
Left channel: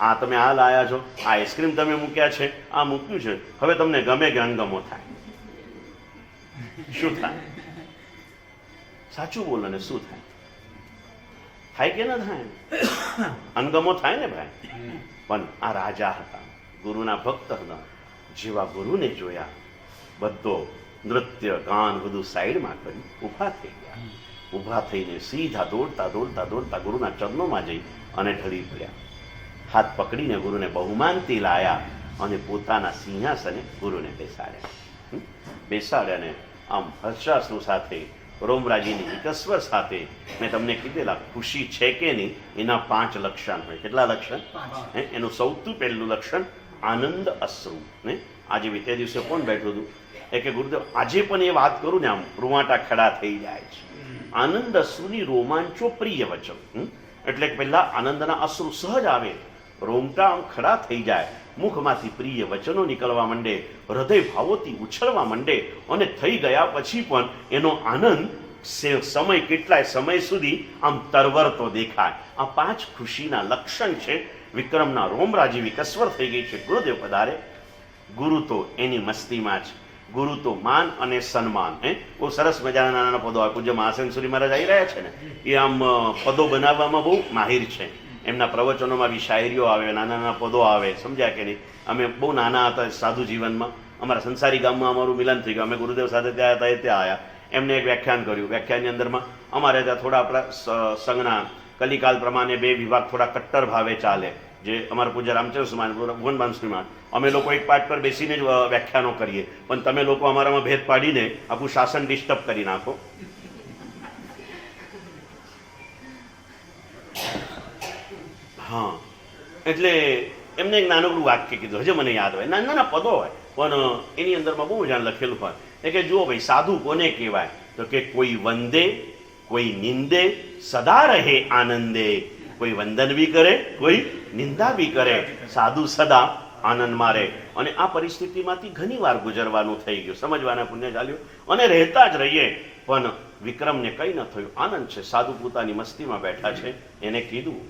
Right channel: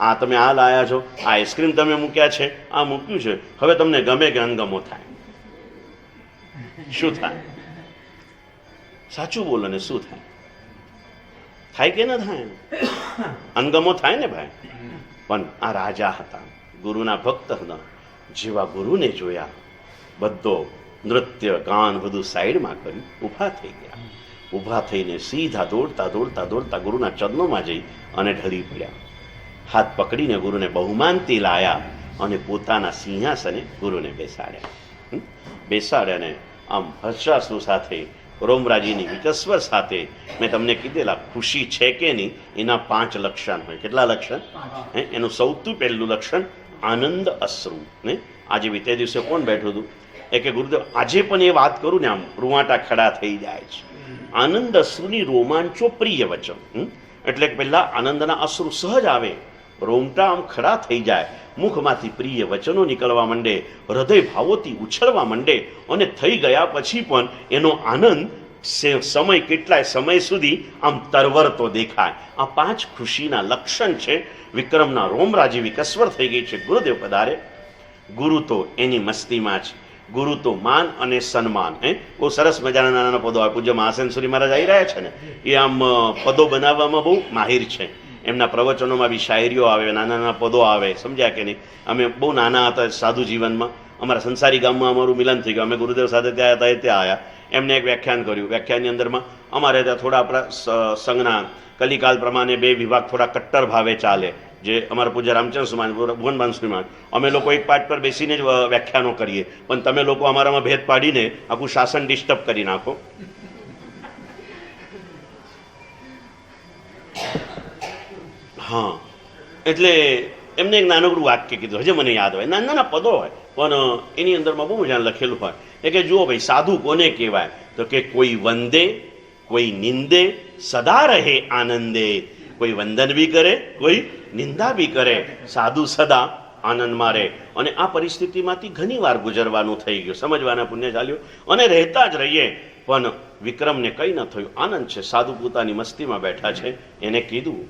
આ તમે આ લાયા છો, આ આઈસ્ક્રીમ તમે મૂક્યા છે, આ મૂક્યું છે, હવે તમને ગમે કે અણગમો થાય? શું થાય? સાચું બોલો ને, શું થાય? થાય કે ના થાય? અણગમો થાય ને ભાઈ. પણ આ રાજા હતા, ગુરુના ભક્ત હતા. જેવા ગુરુને જોયા, બધો નૃત્ય ગાન બધું સાઈડમાં કર્યું, ઊભા થઈ ગયા. ઊભા થઈને સીધા દોડતા દોડતા દોડતા ગુરુના ચરણોમાં જઈ અને ઢળી પડ્યા. હાથ પકડીને ગુરુને બહુમાનથી લાયા અને પોતાના સિંહાસને ગુરુને બેસાડ્યા. બેસાડ્યાને આમ હર્ષાશ્રુ સાથે, રોમરાજીની વિકસ્વર સાથે, મેં તમને કીધેલા ખુશી છે કે નહીં એના 5 લક્ષણ હોય. કેટલા લક્ષણ? એનું સૌથી પહેલું લક્ષણ આનંદ અશ્રુ. આજે વિતે દિવસે કોણ બેઠું હતું એ કે ગુરુદેવ આજે પણ એ વાત કરું ને આમ રૂવાટા ખડા થઈ જાય છે. આનંદ અશ્રુની રોમાંચો પ્રિય વચન. એટલે કે પહેલા આનંદના અશ્રુ સહજ આવે, રોમટા આમ ખડા થઈ જાય, મુખમાંથી પ્રિય વચનો નીકળવા માંડે, હૃદય ભાવોથી ઉછળવા માંડે અને થઈ ગયા પછી પણ એનો આનંદ સમય કેટલાય સમય સુધી આમ તરવરતો દેખાય. આ 5 ખુશીના લક્ષણ છે. વિક્રમના રોમરાજી વિકસ્વર થઈ ગઈ છે. ગુરુદેવ પધારે. ગુરુ તો એની મસ્તીમાં છે. ગુરુ તો માન અને સન્માન. બહુ સરસ મજાના નાના નાના પદો આવે. પૂજ્ય મહાસેનસુરી મહારાજ આવી રહ્યા છે ને, એ આમ પદો બનાવવામાં બહુ માહિર છે. એમના પ્રવચનોમાં બી શાયરીઓ આવે, નાના નાના પદો આવે. સમજ્યા કે નહીં? અમે બહુ નાના હતા સાધુ જીવનમાં, અમારા સંસારી ગામમાં અમારું મિલન થઈ ગયું. અમે ગુરુદેવ સાથે ત્યાં હતા, ત્યાં આવ્યા. એમને એક વ્યાખ્યાન કર્યું. વ્યાખ્યાનની અંદરમાં અમારે ત્યાં થોડા આપણા સંઘના કલિકાલ પ્રમાણે 2 વિભાગ થોડા કટ્ટર ભાવે ચાલે. જે અમારા પૂજ્ય રામચંદ્ર સુમાન, ભુવનબાન સુમાન, અમે લોકો એક પાઠ પર બેસીને જ વ્યાખ્યાનો કરીએ, પણ તમે લોકો અમારામાં ભેદ પાડીને આખું શાસન ડિસ્ટર્બ કરી નાખો. હા, એટલે એમને એક નાનકડું વાક્ય કીધું, હજે મને યાદ હોય. નાના નાના પદો હોય પણ એની અંદરમાં બહુ મજા લખેલું હોય. એ કે જુઓ ભાઈ, સાધુ કોને કહેવાય? તો કે કોઈ વંદે, કોઈ નિંદે, સદા રહે આનંદે. કોઈ વંદન બી કરે, કોઈ નિંદા બી કરે, સાધુ સદા આનંદમાં રહે. અને આ પરિસ્થિતિમાંથી ઘણી વાર ગુજરવાનું થઈ ગયું, સમજવાના પુણ્ય ચાલ્યું અને રહેતા જ રહીએ. પણ વિક્રમને કંઈ ન થયું, આનંદ છે. સાધુ પોતાની મસ્તીમાં બેઠા છે. એને કીધું,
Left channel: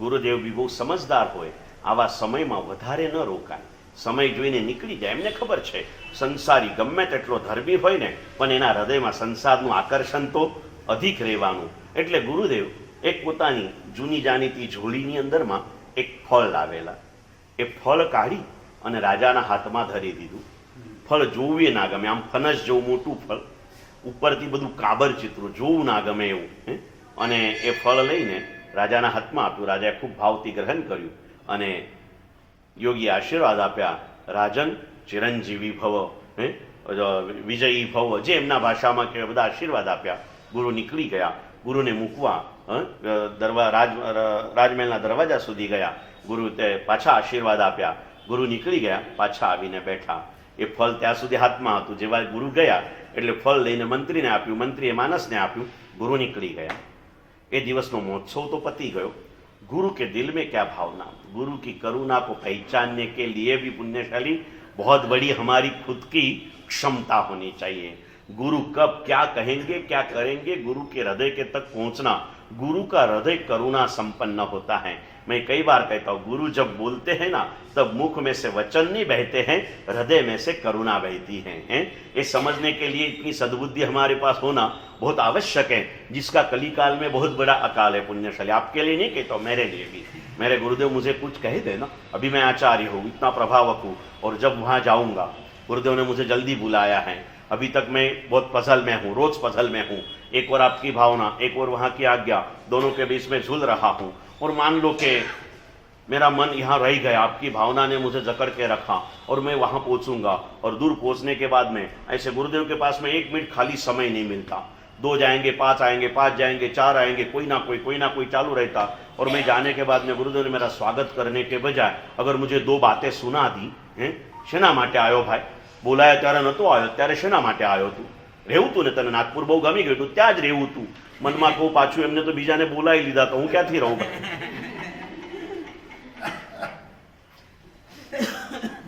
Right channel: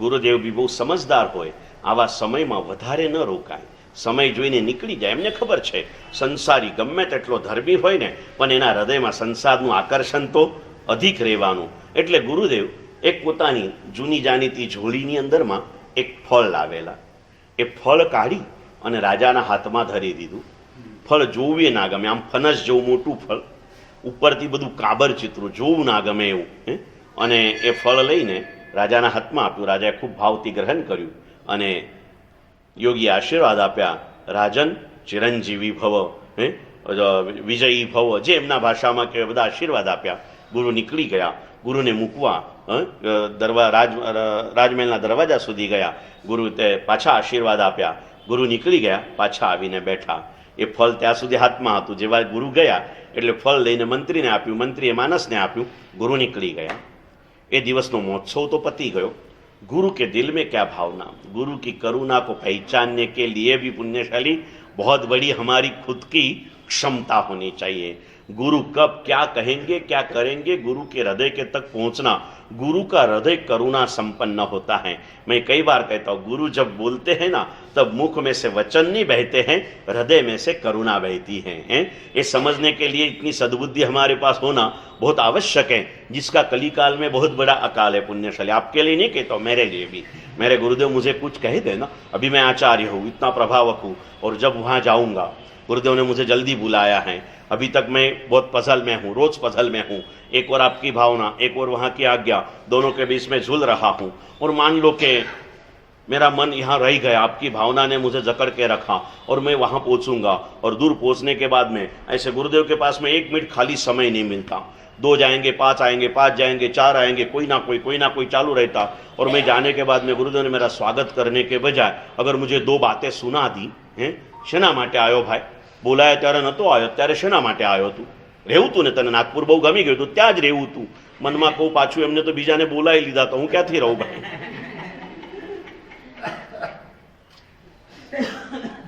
ગુરુદેવ બી બહુ સમજદાર હોય, આવા સમયમાં વધારે ન રોકાય, સમય જોઈને નીકળી જાય. એમને ખબર છે સંસારી ગમે તેટલો ધર્મી હોય ને, પણ એના હૃદયમાં સંસારનું આકર્ષણ તો અધિક રહેવાનું. એટલે ગુરુદેવ એક પોતાની જૂની જાણીતી ઝોળીની અંદરમાં એક ફળ લાવેલા. એ ફળ કાઢી અને રાજાના હાથમાં ધરી દીધું. ફળ જોવું ના ગમે, આમ ફનસ જેવું મોટું ફળ, ઉપરથી બધું કાબર ચિત્રો, જોવું ના ગમે એવું. અને એ ફળ લઈને રાજાના હાથમાં આપ્યું. રાજાએ ખૂબ ભાવથી ગ્રહણ કર્યું અને યોગી આશીર્વાદ આપ્યા. રાજન ચિરંજીવી ભવ, વિજયી ભવ, જે એમના ભાષામાં કે બધા આશીર્વાદ આપ્યા. ગુરુ નીકળી ગયા. ગુરુને મૂકવા રાજમહેલના દરવાજા સુધી ગયા. ગુરુ તે પાછા આશીર્વાદ આપ્યા. ગુરુ નીકળી ગયા, પાછા આવીને બેઠા. એ ફળ ત્યાં સુધી હાથમાં હતું. જેવા ગુરુ ગયા એટલે ફળ લઈને મંત્રીને આપ્યું, મંત્રીએ માનસને આપ્યું. ગુરુ નીકળી ગયા. એ દિવસનો મહોત્સવ તો પતી ગયો. गुरु के दिल में क्या भावना, गुरु की करुणा को पहचानने के लिए भी पुण्यशाली बहुत बड़ी हमारी खुद की क्षमता होनी चाहिए. गुरु कब क्या कहेंगे क्या करेंगे, गुरु के हृदय के तक पहुंचना. गुरु का हृदय करुणा संपन्न होता है. मैं कई बार कहता हूँ, गुरु जब बोलते हैं ना तब मुख में से वचन नहीं बहते हैं, हृदय में से करुणा बहती है. ये समझने के लिए इतनी सद्बुद्धि हमारे पास होना बहुत आवश्यक है, जिसका कलिकाल में बहुत बड़ा अकाल है. पुण्यशाली, आपके लिए नहीं कहता हूँ, मेरे लिए भी. मेरे गुरुदेव मुझे कुछ कह देना, अभी मैं आचार्य हूँ, इतना प्रभावक हूँ, और जब वहाँ जाऊँगा, गुरुदेव ने मुझे जल्दी बुलाया है. अभी तक मैं बहुत पजल में हूँ, रोज पजल में हूँ. एक और आपकी भावना, एक और वहाँ की आज्ञा, दोनों के बीच में झूल रहा हूँ. और मान लो कि मेरा मन यहाँ रह गया, आपकी भावना ने मुझे जकड़ के रखा और मैं वहाँ पहुँचूंगा. और दूर पहुँचने के बाद में ऐसे गुरुदेव के पास में 1 मिनट खाली समय नहीं मिलता. 2 जाएंगे, 5 आएंगे, 5 जाएंगे, 4 आएंगे, कोई ना कोई चालू रहता. और मैं जाने के बाद में गुरुदेव ने मेरा स्वागत करने के बजाय अगर मुझे 2 बातें सुना दी, શેના માટે આવ્યો ભાઈ, બોલાયો ત્યારે નહોતો આવ્યો, ત્યારે શેના માટે આવ્યો તું, રહેવું તું ને, તને નાગપુર બહુ ગમી ગયું તું, ત્યાં જ રહેવું તું. મનમાં કહું પાછું એમને તો બીજાને બોલાવી લીધા, તો હું ક્યાંથી રહું ભાઈ.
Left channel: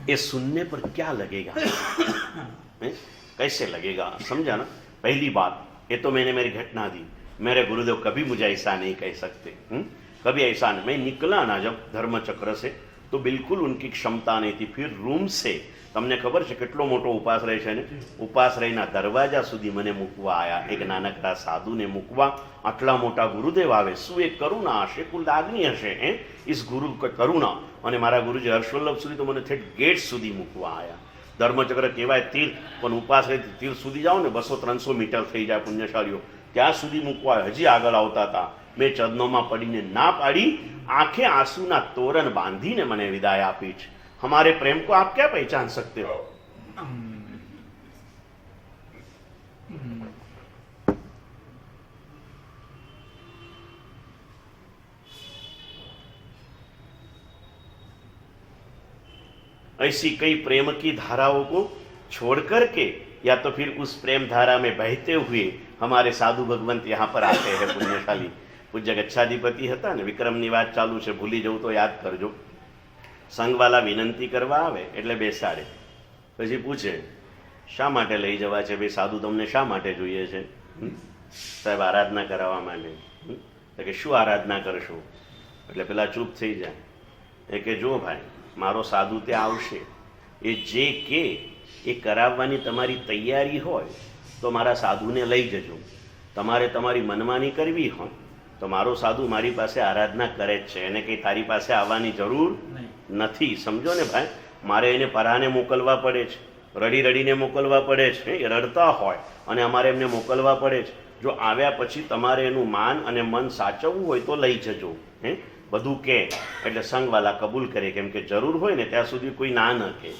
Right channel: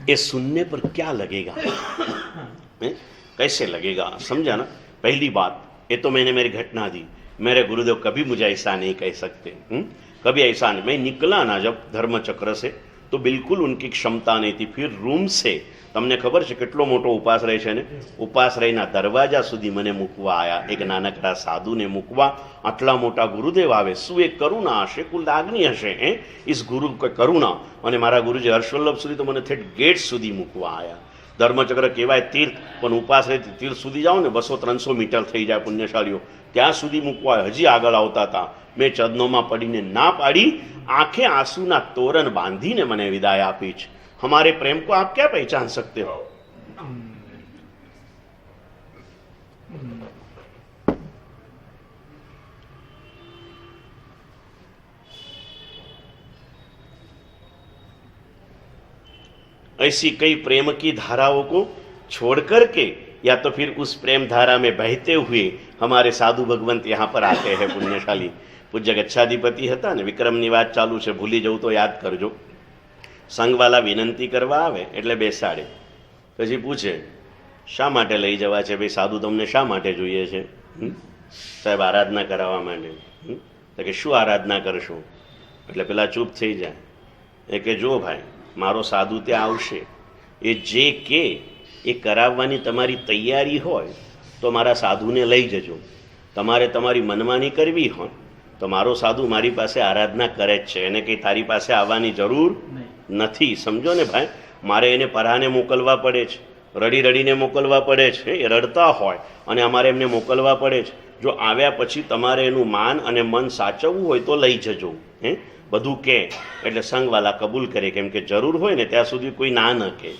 ये सुनने पर क्या लगेगा? कैसे लगेगा? समझा ना? पहली बात, ये तो मैंने मेरी घटना दी, मेरे गुरुदेव कभी मुझे ऐसा नहीं कह सकते, कभी ऐसा नहीं। मैं निकला ना जब धर्मचक्र से तो बिल्कुल उनकी क्षमता नहीं थी। फिर रूम से તમને ખબર છે કેટલો મોટો ઉપાશ્રય છે ને, ઉપાશ્રયના દરવાજા સુધી મને મૂકવા આવ્યા, એક નાનકડા સાધુને મૂકવા આટલા મોટા ગુરુદેવ આવે, શું એક કરુણા હશે, કુલ લાગણી હશે ઇસ ગુરુ કરુણા। અને મારા ગુરુજી હર્ષવલ્લભ સુધી તો મને થેટ ગેટ સુધી મૂકવા આવ્યા। ધર્મચક્ર કહેવાય તીર્થ, પણ ઉપાશ્રયથી તીર્થ સુધી જાઓ ને 200-300 મીટર થઈ જાય પુણ્યશાળીઓ, ત્યાં સુધી મૂકવા હજી આગળ આવતા હતા। મેં ચરણોમાં પડીને ના પાડી, આંખે આંસુના તોરણ બાંધીને મને વિદાય આપી છે। हमारे प्रेम को आप क्या पहचान सकते हो? ऐसी कई प्रेम की धाराओं को छोड़ करके या तो फिर उस प्रेम धारा में बहते हुए हमारे साधु भगवंत यहाँ पर आते हैं पुण्यशाली। पूज्य गच्छाधिपति હતા ને, વિક્રમની વાત ચાલુ છે, ભૂલી જવું તો યાદ કરજો। સંઘવાલા વિનંતી કરવા આવે એટલે બેસાડે, પછી પૂછે શા માટે લઈ જવા છે ભાઈ, સાધુ તમને શા માટે જોઈએ છે? સાહેબ આરાધના કરાવવા માટે। તો કે શું આરાધના કરશો? એટલે પેલા ચૂપ થઈ જાય, એ કે જો ભાઈ મારો સાધુ ત્યાં આવશે, એ જે કે એ કરાવવાની તમારી તૈયારી હોય તો મારા સાધુને લઈ જજો। તમારે તમારી મનમાની કરવી હોય તો મારો સાધુ મારી પાસે આરાધના કરે જ છે, એને કંઈ તારી પાસે આવવાની જરૂર નથી। સમજો ને ભાઈ, મારે એને પરાને મોકલવા પડે છે, રડી રડીને મોકલવા પડે છે, એ રડતા હોય અને અમારે એમને મોકલવા પડે છે। જો આવ્યા પછી તમારે એનું માન અને મન સાચવવું હોય તો લઈ જજો, બધું કે। એટલે સંઘવાલા કબૂલ કરે, કેમ કે જરૂર હોય ને ત્યાં સુધી કોઈ ના ન કહે।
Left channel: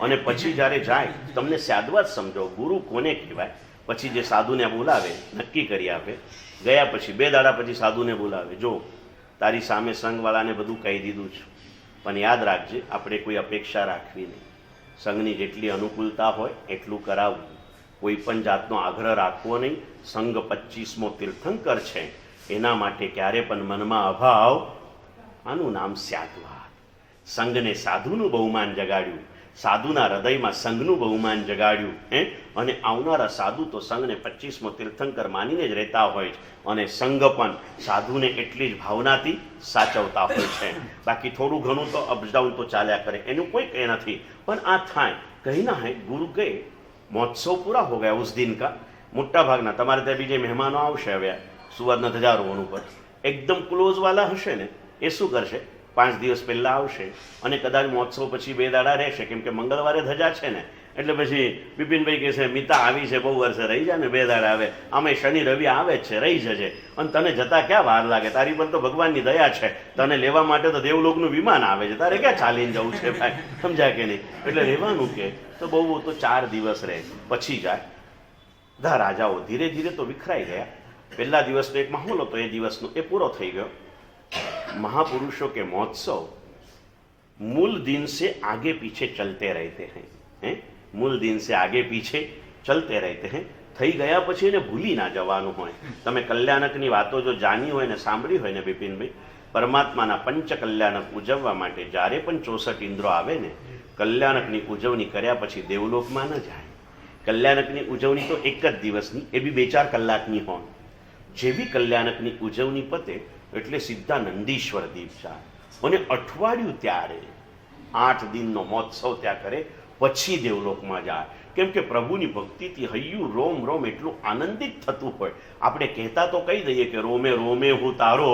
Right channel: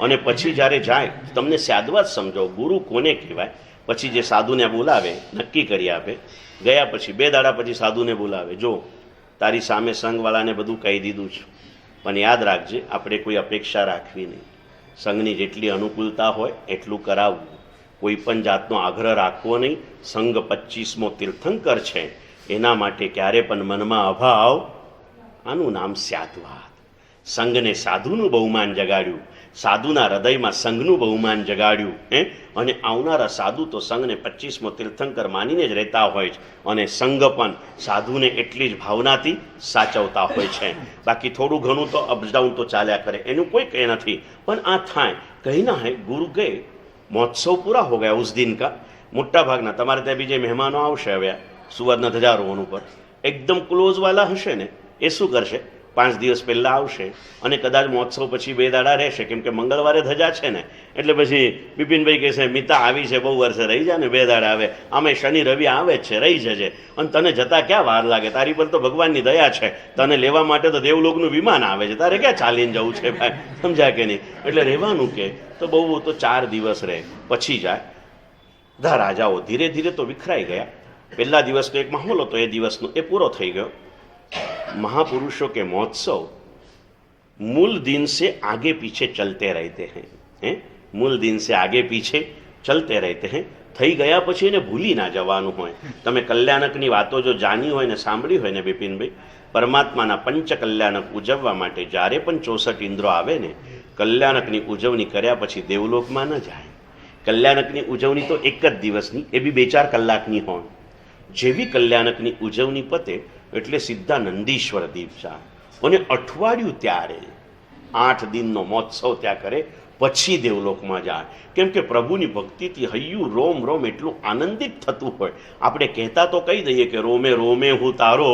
અને પછી જ્યારે જાય તમને સાદવાત સમજો ગુરુ કોને કહેવાય। પછી જે સાધુને બોલાવે નક્કી કરી આપે, ગયા પછી 2 દાડા પછી સાધુને બોલાવે, જો તારી સામે સંઘવાળાને બધું કહી દીધું છે, પણ યાદ રાખજે આપણે કોઈ અપેક્ષા રાખવી નહીં, સંઘની જેટલી અનુકૂળતા હોય એટલું કરાવવું, કોઈ પણ જાતનો આગ્રહ રાખવો નહીં। સંઘ 25મો તીર્થંકર છે, એના માટે ક્યારે પણ મનમાં અભાવ, આનું નામ સાદવાત। સંઘને સાધુનું બહુમાન જગાડ્યું, સાધુના હૃદયમાં સંઘનું બહુમાન જગાડ્યું, અને આવનારા સાધુ તો સંઘને 25મો તીર્થંકર માનીને જ રહેતા હોય છે, અને સંઘ પણ સાધુને એટલી જ ભાવનાથી સાચવતા હોય છે। બાકી થોડું ઘણું તો અપ ડાઉન તો ચાલ્યા કરે, એનું કોઈ કંઈ નથી। પણ આ થાય કहीं ना है, गुरु गए, महोत्सव पूरा हो गया उस दिन का। मोटा भागना તમારે ત્યાં બીજે મહેમાનો આવશે, હવે સુવર્ણ ધ્વજારોહણ ઉપર એકદમ ક્લોઝ વાલા હશે ને, એ શું કરશે, 5 દિવસ પહેલાં આવશે અને કદાચ મહોત્સવ પછી 2 દાડા રહેશે, કેમ કે મંગળવારે ધજા છે ને, એટલે પછી બિપિનભાઈ કહેશે મિતા આવી છે, બહુ વર્ષે રહી જાય ને, 2 દાડા આવે, આમે શનિ રવિ આવે જ છે, રહી જજે, અને તને જતા ક્યાં વાર લાગે, તારી પર તો ભગવાનની દયા છે, તને લેવા માટે તો દેવલોકનું વિમાન આવે છે, તારે ક્યાં ચાલીને જવું છે ભાઈ, સમજ્યા કે નહીં? એટલે રહેવાનું કે તો બહુ તો 4 દિવસ રહે પછી જાય। બધા રાજાઓ ધીરે ધીરે તો વિખરાઈ ગયા। પહેલા દિવસનો એક માહોલ હતો, એ દિવસનો એ પૂરો થઈ ગયો। महापुरुषों के महोत्सव मूल दिन से आगे पीछे चलते रहते हैं, मूल दिन से आगे पीछे चलते रहते हैं। થઈ ગયા પછી એને ભૂલી ના જવાનું હોય। તમે કલ્યાણકની વાતો જો જાણી હોય ને સાંભળી હોય ને બિપિનભાઈ, પરમાત્માના પંચ કલ્યાણક ઉજવવા માટે જ્યારે પણ 64 ઇન્દ્રો આવે ને, કલ્યાણકની ઉજવણી કર્યા પછી દેવલોકમાં ન જાય। કલ્યાણકની ઉજવણી તો એક જ દિવસની, એ બી 2-4 કલાકની હોય। જેવી કલ્યાણકની ઉજવણી પતે એટલે સીધા નંદીશ્વર દીપ જાય, અને અઠવાડિયું ત્યારે 8 દિનનો મહોત્સવ ત્યાં કરે, પછી દેવલોકમાં જાય। કેમ કે પ્રભુની ભક્તિથી હૈયું રોમ રોમ એટલું આનંદિત થતું હોય। આપણે કહેતા તો કહી દઈએ કે રોમે રોમે હું તારો,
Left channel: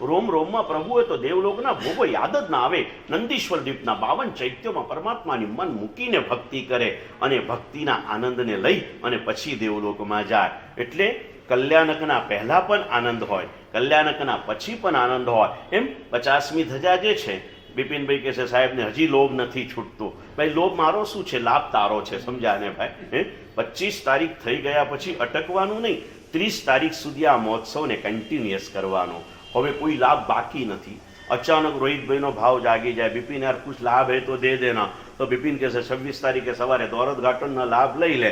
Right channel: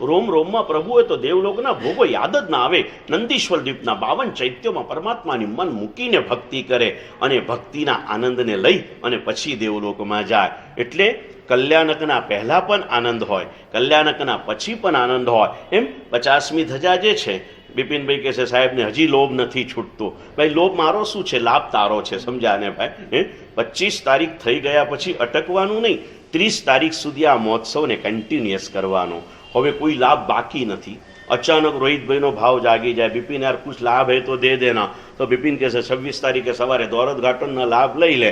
રોમ રોમમાં પ્રભુ હોય તો દેવલોકના ભોગો યાદ જ ના આવે। નંદીશ્વર દીપના 52 ચૈત્યોમાં પરમાત્માની મન મૂકીને ભક્તિ કરે, અને ભક્તિના આનંદને લઈ અને પછી દેવલોકમાં જાય। એટલે કલ્યાણકના પહેલા પણ આનંદ હોય, કલ્યાણકના પછી પણ આનંદ હોય। એમ 50મી ધજા જે છે, બિપિનભાઈ કહે છે સાહેબને હજી લોભ નથી છૂટતો। ભાઈ લોભ મારો શું છે, લાભ તારો છે, સમજ્યા ને ભાઈ? 25 તારીખ થઈ ગયા પછી અટકવાનું નહીં, 30 તારીખ સુધી આ મહોત્સવને કન્ટિન્યુઅસ કરવાનો। હવે કોઈ લાભ બાકી નથી। अचानक रोहितभाईનો ભાવ જાગી જાય, બિપિન यार कुछ लाभ है तो दे देना। तो बिपिन कैसे 26 तारीख के सवारे दौलत घाटन ना लाभ लई ले,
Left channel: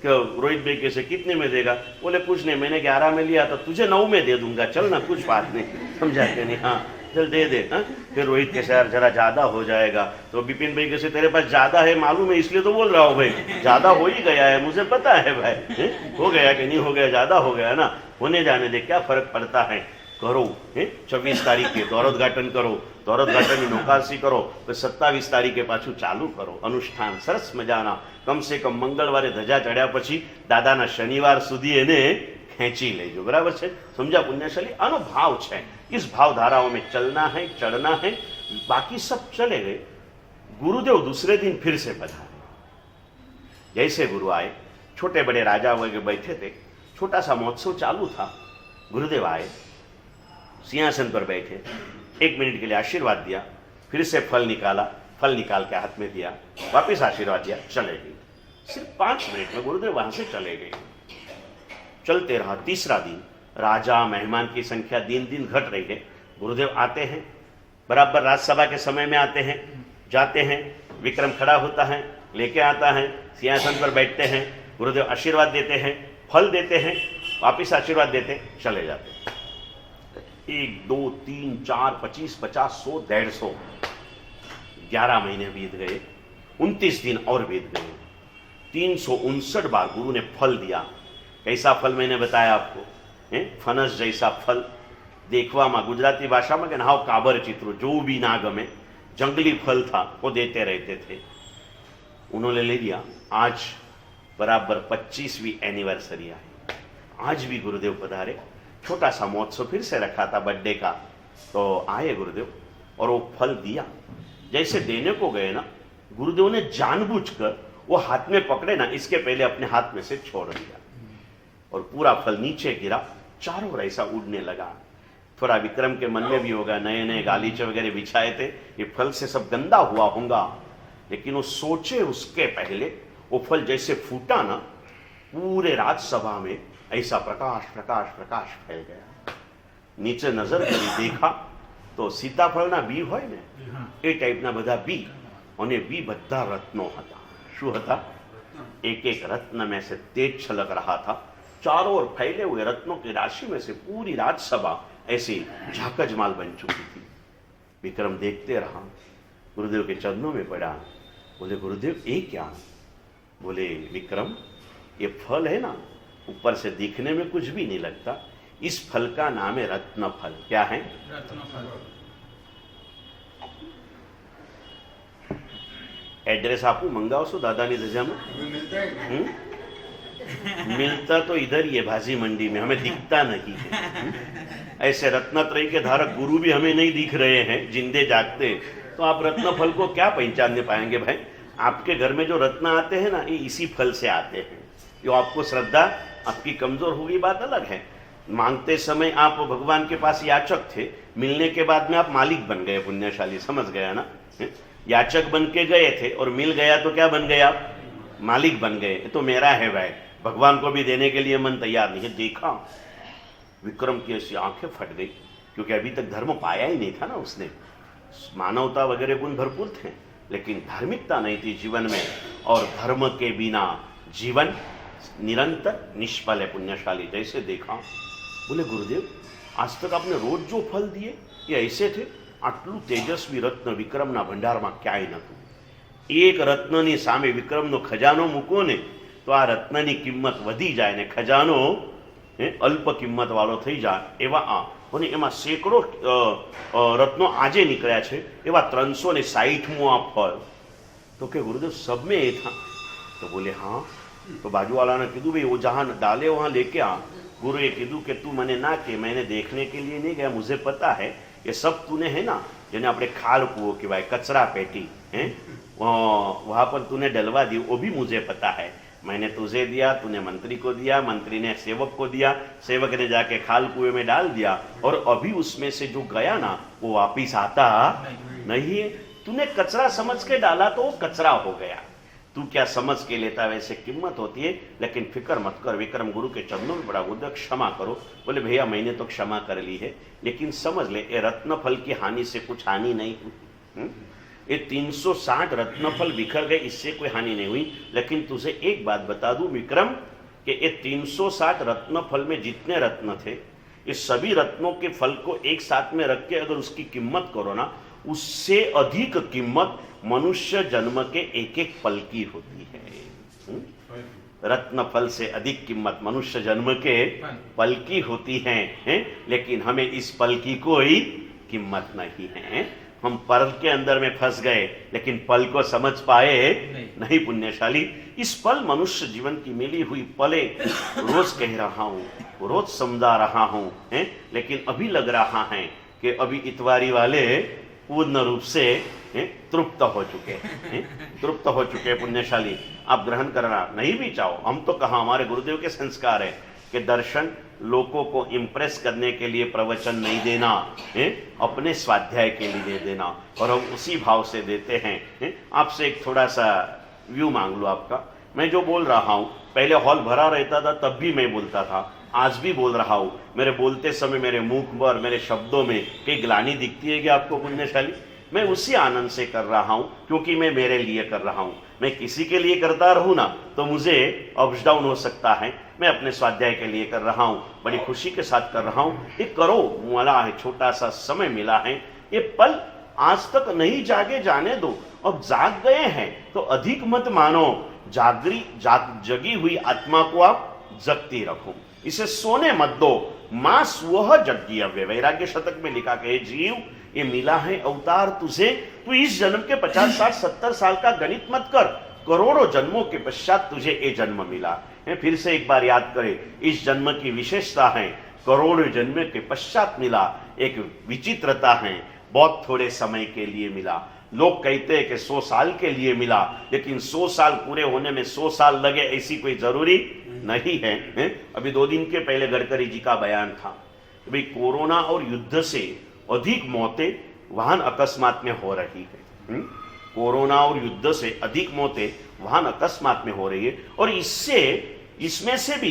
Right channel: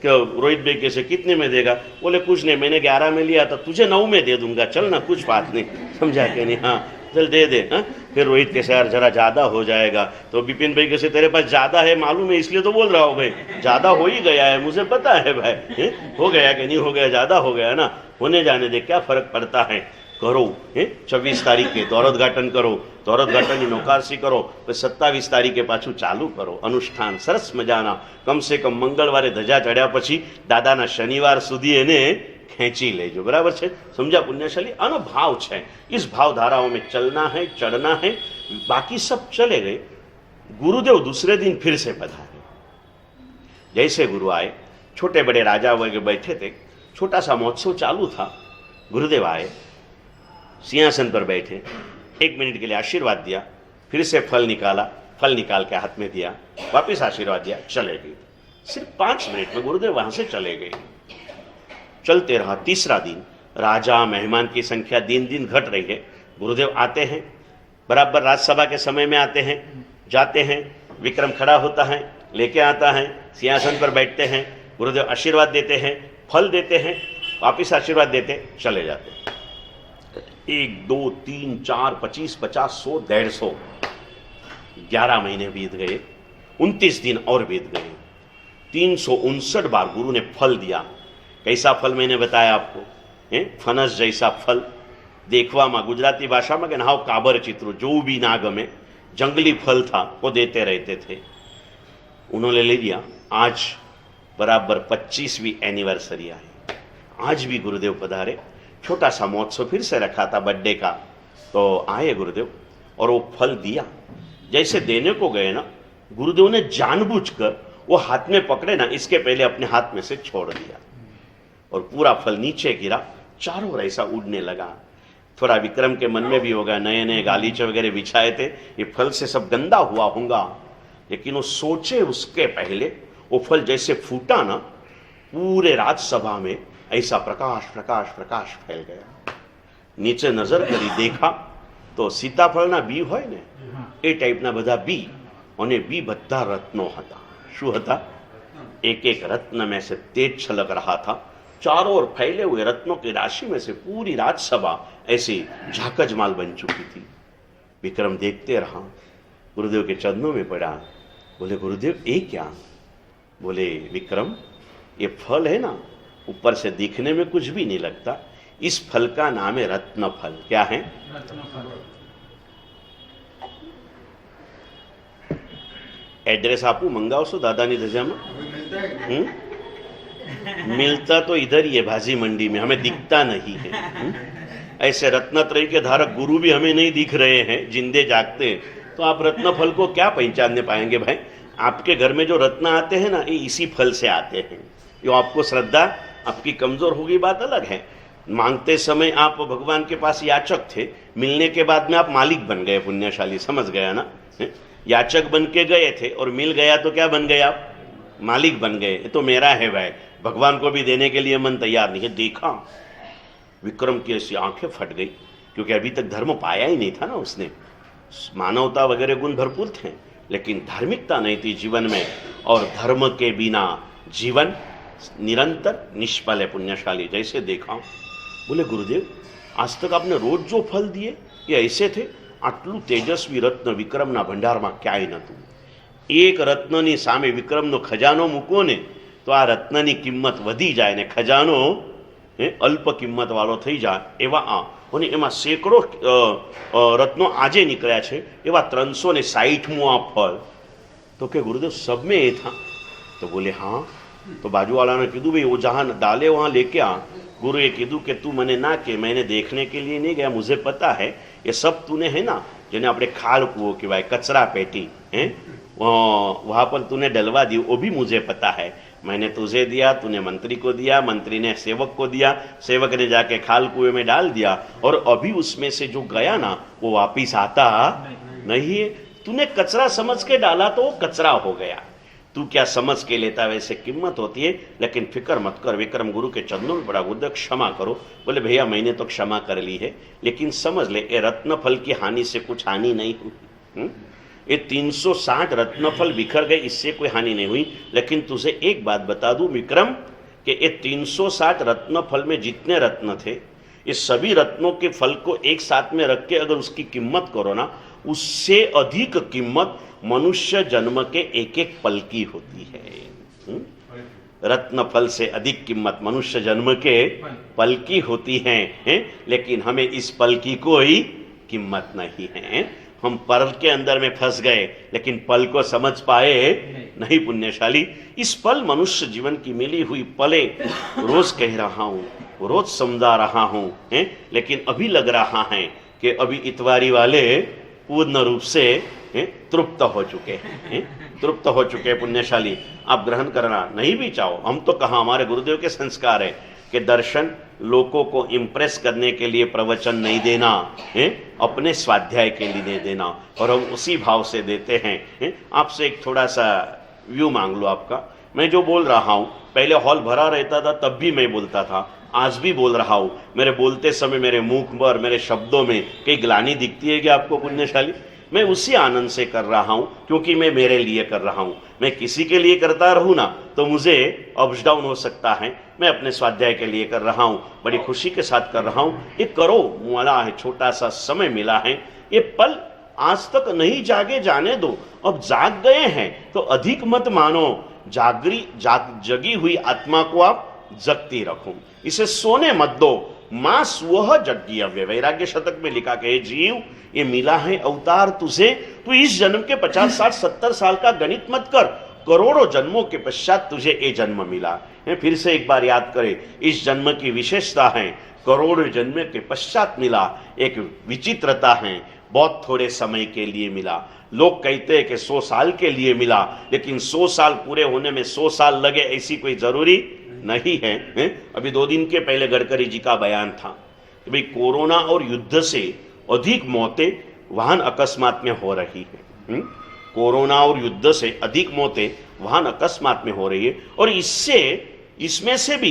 कि रोहित भाई कैसे कितने में देगा? बोले कुछ नहीं, मैंने 11 में लिया था, तुझे 9 में दे दूंगा, चल ना, कुछ बात नहीं, समझा के नहीं? हाँ, चल दे दे। हाँ, फिर रोहित कैसे यार जरा ज्यादा हो जाएगा, तो विपिन भाई कैसे तेरे पास ज्यादा है मालूम है इसलिए तो बोल रहा हूँ भाई, ज्यादा हो ही गया है मुझे पता है भाई, हो गया कि नहीं हो गया, ज्यादा हो गया ना, होने जाने दे, क्या फर्क पड़ता है, करो 26 तारीखे दौरोद्घाटन करो, दौरोद्घाटन नौकारसी करो, तो 27 तारीखे पाછું ચાલુ કરો અનુષ્ઠાન, સરસ મજાના, કમ સે કમ મંગળવારે ધજા ચડ્યા પછી દાદાના શનિવાર સુધી એને ખેંચી લેજો, बराबर છે, समझा पुण्यशाली, आनो भाव है, इस भाव धाराओं में चलना है, चढ़ना है, बाकी सब चले गए। गुरुदेव दूसरे दिन फिर से पधारे, जैसे गुरु आए, छोटे बड़े राजा वगैरह बैठे थे, छोटा सा महोत्सव चालू था, गुरुदेव आए, सिंहासन पर बैठे, 1 मिनट के लिए आशीर्वाद दिया, फिर से फल निकाला, फल निकाल के हाथ में दिया, वापिस आशीर्वाद दिया, चले गए। सिर्फ 5 मिनट में गुरुदेव वहां से चले गए। चलते रहा, तीसरा दिन, राजा मेहमान की संख्या दिन दिन घट रही है, गुरुदेव आते हैं, बराबर राजसभा के समय में आते हैं, जाते हैं, विक्रम खड़ा होता है, लेके आता है, सिंहासन पर बैठते हैं, गुरुदेव आशीर्वाद देते हैं, फल देते हैं, वापिस आशीर्वाद देते, चले जाते। 1 2 3 4 25 50 100 150, 11 महीने बीत गए, 29 दिन और बीत गए, 359 बार गुरु ने फल दिया। कैसा फल मैंने बताया आपको, फनस जैसा फल, देखवामा गुजराती भाषा में हाव काबर चित्रो, जो भी ना गमे, जंगली फल था वो देते रहते थे। उन्होंने ले लिया। आज बराबर 25वीं एनिवर्सरी आई, आज भी गुरुदेव पधारे, छोटा सा महोत्सव फिर से रखा था बर्थडे का, तो आए गुरुदेव और वो फल दिया। जैसे देने को गए ना, गुरुदेव ने जानबूझकर वो हाथ में पकड़े ना, इसके पहले अपने हाथ में से छोड़ दिया और पूरा फल नीचे गिरा, चारों ओर ऐसा उड़ने लगा। थोड़ा विक्रम के मन में भी होगा, नए नए गालीचे वगैरह बिछाए थे, ये फल से सब गंदा हुआ होगा, लेकिन वो सोचे उसके पहले वो फल जैसे फूटा ना, पूरे राजसभा में ऐसा प्रकाश प्रकाश प्रकाश फैल गया। नीचे नजर करी, देखा तो सीताफळना बी होय ने ए टाइपना बधा बी, અને बी બધા રત્નો હતા। શું હતા? एक एक रत्न में से तेज छलक रहा था, चारों ओर फैले हुए रत्नों की राशि में से पूरी राजसभा ऐसी झाकजमाल बन चुकी थी। विक्रम देखते रहा, गुरुदेव के चरणों में पड़ा, बोले गुरुदेव ये क्या? बोले विक्रम, ये फल है ना, ऊपर से दिखने में कुछ भी नहीं लगता, इस फल का नाम है रत्न फल। क्या है? एड्रेस आपको मंगाओ दादानी धजा में? मिलता तो इधर ही है, भाजी मंडी में, हमें दिखता नहीं है। ऐसे रत्नत्रय के धारक गुरु भी हमें नहीं दिख रहे हैं जिंदे जागते, तो आप रत्न फल को क्या पहचानने पाएंगे भाई? आपके घर में जो रत्न आते हैं ना, ये इसी फल से आते हैं। जो आपको श्रद्धा आपकी कमजोर होगी बात अलग है। मांगते समय आप भगवान के पास याचक थे, मिलने के बाद में आप मालिक बन गए, पुण्यशाली, समझ गया ना? याचक बन के गए थे और मिल गया तो क्या बन गए आप? मालिक बन गए। तो मेरा है भाई, भगवान को भी देने के लिए मन तैयार नहीं है। देखा विक्रम की ऐसी आंखें फट गई, क्योंकि अभी तक धर्म पाया ही नहीं था ना उसने। मानवता वगैरह गुण भरपूर थे, लेकिन धार्मिकता नहीं थी जीवन में, और धर्म के बिना जीवन निरंतर निष्फल है। पुण्यशाली जैसे देखा, बोले गुरुदेव आज तक आपने रोज जो फल दिए ये ऐसे थे? आटलू तेजस्वी रत्न विक्रमना भंडारमा क्यांय नहोતું। एक रत्ननी सामे विक्रमनो खजानो मूको ने तो आ रत्ननी किंमत वधी जाए ने खजानो अल्प किंमत वाळो थई जाए। एवा आ અને એમાં સેંકડો રત્નો આજે નીકળ્યા છે, એવા 360મું આ ફળ। તો કે गुरुदेव सब में ये था? तो बोले हाँ। तो बाजू वाला ने कीधु भाई वो जहाँ डाले वहाँ लेके आ। गुरुए कीधु कि तू मने ना के, मैंने देखने के लिए नहीं गया, मुझे पता है ये सब तूने है ना, जिन्हें अपने खाल कुओं की भाई कचरा पेटी है वहाँ पर तूने डलवा दी, वो भी मुझे पता है। मैंने तुझे दिया, तूने मंत्री को दिया, मंत्री ने सेवक को दिया, सेवक ने जाके खाल कुएं में डाल दिया, और अभी उसमें से जो गया ना वो वापिस आता नहीं है। तूने कचरा समझ के डाला तो वो कचरा हो गया। तू क्या समझ के लेता वैसे कीमत होती है, लेकिन फिक्र मत कर। विक्रम गुरु के चरणों में पड़ा, गुरुदेव क्षमा करो। बोले भैया मैंने तो क्षमा कर ली है, लेकिन समझ ले ये रत्नफल की हानि से कुछ हानि नहीं हुई। ये 360 रत्नफल बिखर गए, इससे कोई हानि नहीं हुई। लेकिन तुझे एक बात बता दूं विक्रम, कि ये 360 रत्नफल में जितने रत्न थे, ये सभी रत्नों के फल को एक साथ में रख के अगर उसकी कीमत करो ना, उससे अधिक कीमत मनुष्य जन्म के एक एक पल की होती है। रत्न फल से अधिक कीमत मनुष्य जन्म के पल की होती है, लेकिन हमें इस पल की कोई कीमत नहीं है। हम पल के अंदर में फंस गए, लेकिन पल को समझ पाए नहीं पुण्यशाली। इस पल मनुष्य जीवन की मिली हुई पले रोज कह रहा हूं, रोज समझा रहा हूं, लेकिन अभी लग रहा है कि अभी इतवारी वाले पूर्ण रूप से तृप्त हो चुके हैं, तृप्त हो चुके हैं पुण्यशाली। आप ग्रहण करना नहीं भी चाहो, हम तो कहा, हमारे गुरुदेव के संस्कार है कि दर्शन लोगों को इंप्रेस करने के लिए प्रवचन नहीं देना, अपने स्वाध्याय के लिए देना, और हम उसी भाव से देते हैं। आपसे एक थोड़ा सा व्यू मांग लो आपका। मैं जो बोल रहा हूँ, पहले हॉल भरा रहता था तब भी मैं बोलता था, आज भी बोल रहा हूँ। मेरे बोलते समय मेरे मुख पर, मेरे शब्दों में कई ग्लानि दिखती है कि आपको पुण्यशाली? मैं उसी आनंद से कर रहा हूं, क्योंकि मैं मेरे लिए कर रहा हूं। मैं किसी के लिए करता रहूं ना तो मुझे अप्स डाउन हो सकता है। मैं अपने स्वाध्याय के लिए कर रहा हूं, बड़ी खुशी के साथ कर रहा हूं। ये करो, मला है, छोटा सा समय मिला है, ये पल आज तक नहीं जागे जाने दो। अब जाग गए हैं तो अधिक मत मानो, जगी हुई आत्मा को आप जगती रखो, इसे सोने मत दो। मां स्वह जज्ञव्य, वैराग्य शतक में लिखा कि जीव, ये मिला है अवतार तुझे, तू इस जन्म के 50, 60, 70 साल का गणित मत कर, करोड़ों जन्मों के पश्चात तुझे ये जन्म मिला है। फिर से एक बार याद करें, इस जन्म की विशेषता है करोड़ों जन्म के पश्चात मिला। एक विचित्रता है, बहुत थोड़े समय के लिए मिला। लोग कहते हैं कि 100 साल के लिए मिला, लेकिन 100 साल पूरे होने में 100 साल लगे ऐसी कोई जरूरी नहीं है। अभी 2 दिन के पहले गडकरी जी का बयान था कि भाई कोरोना और युद्ध से अधिक मौतें वाहन अकस्मात में हो रही है। कोरोना और युद्ध से अधिक मौतें वाहन अकस्मात में हो रही है, और इसमें से भी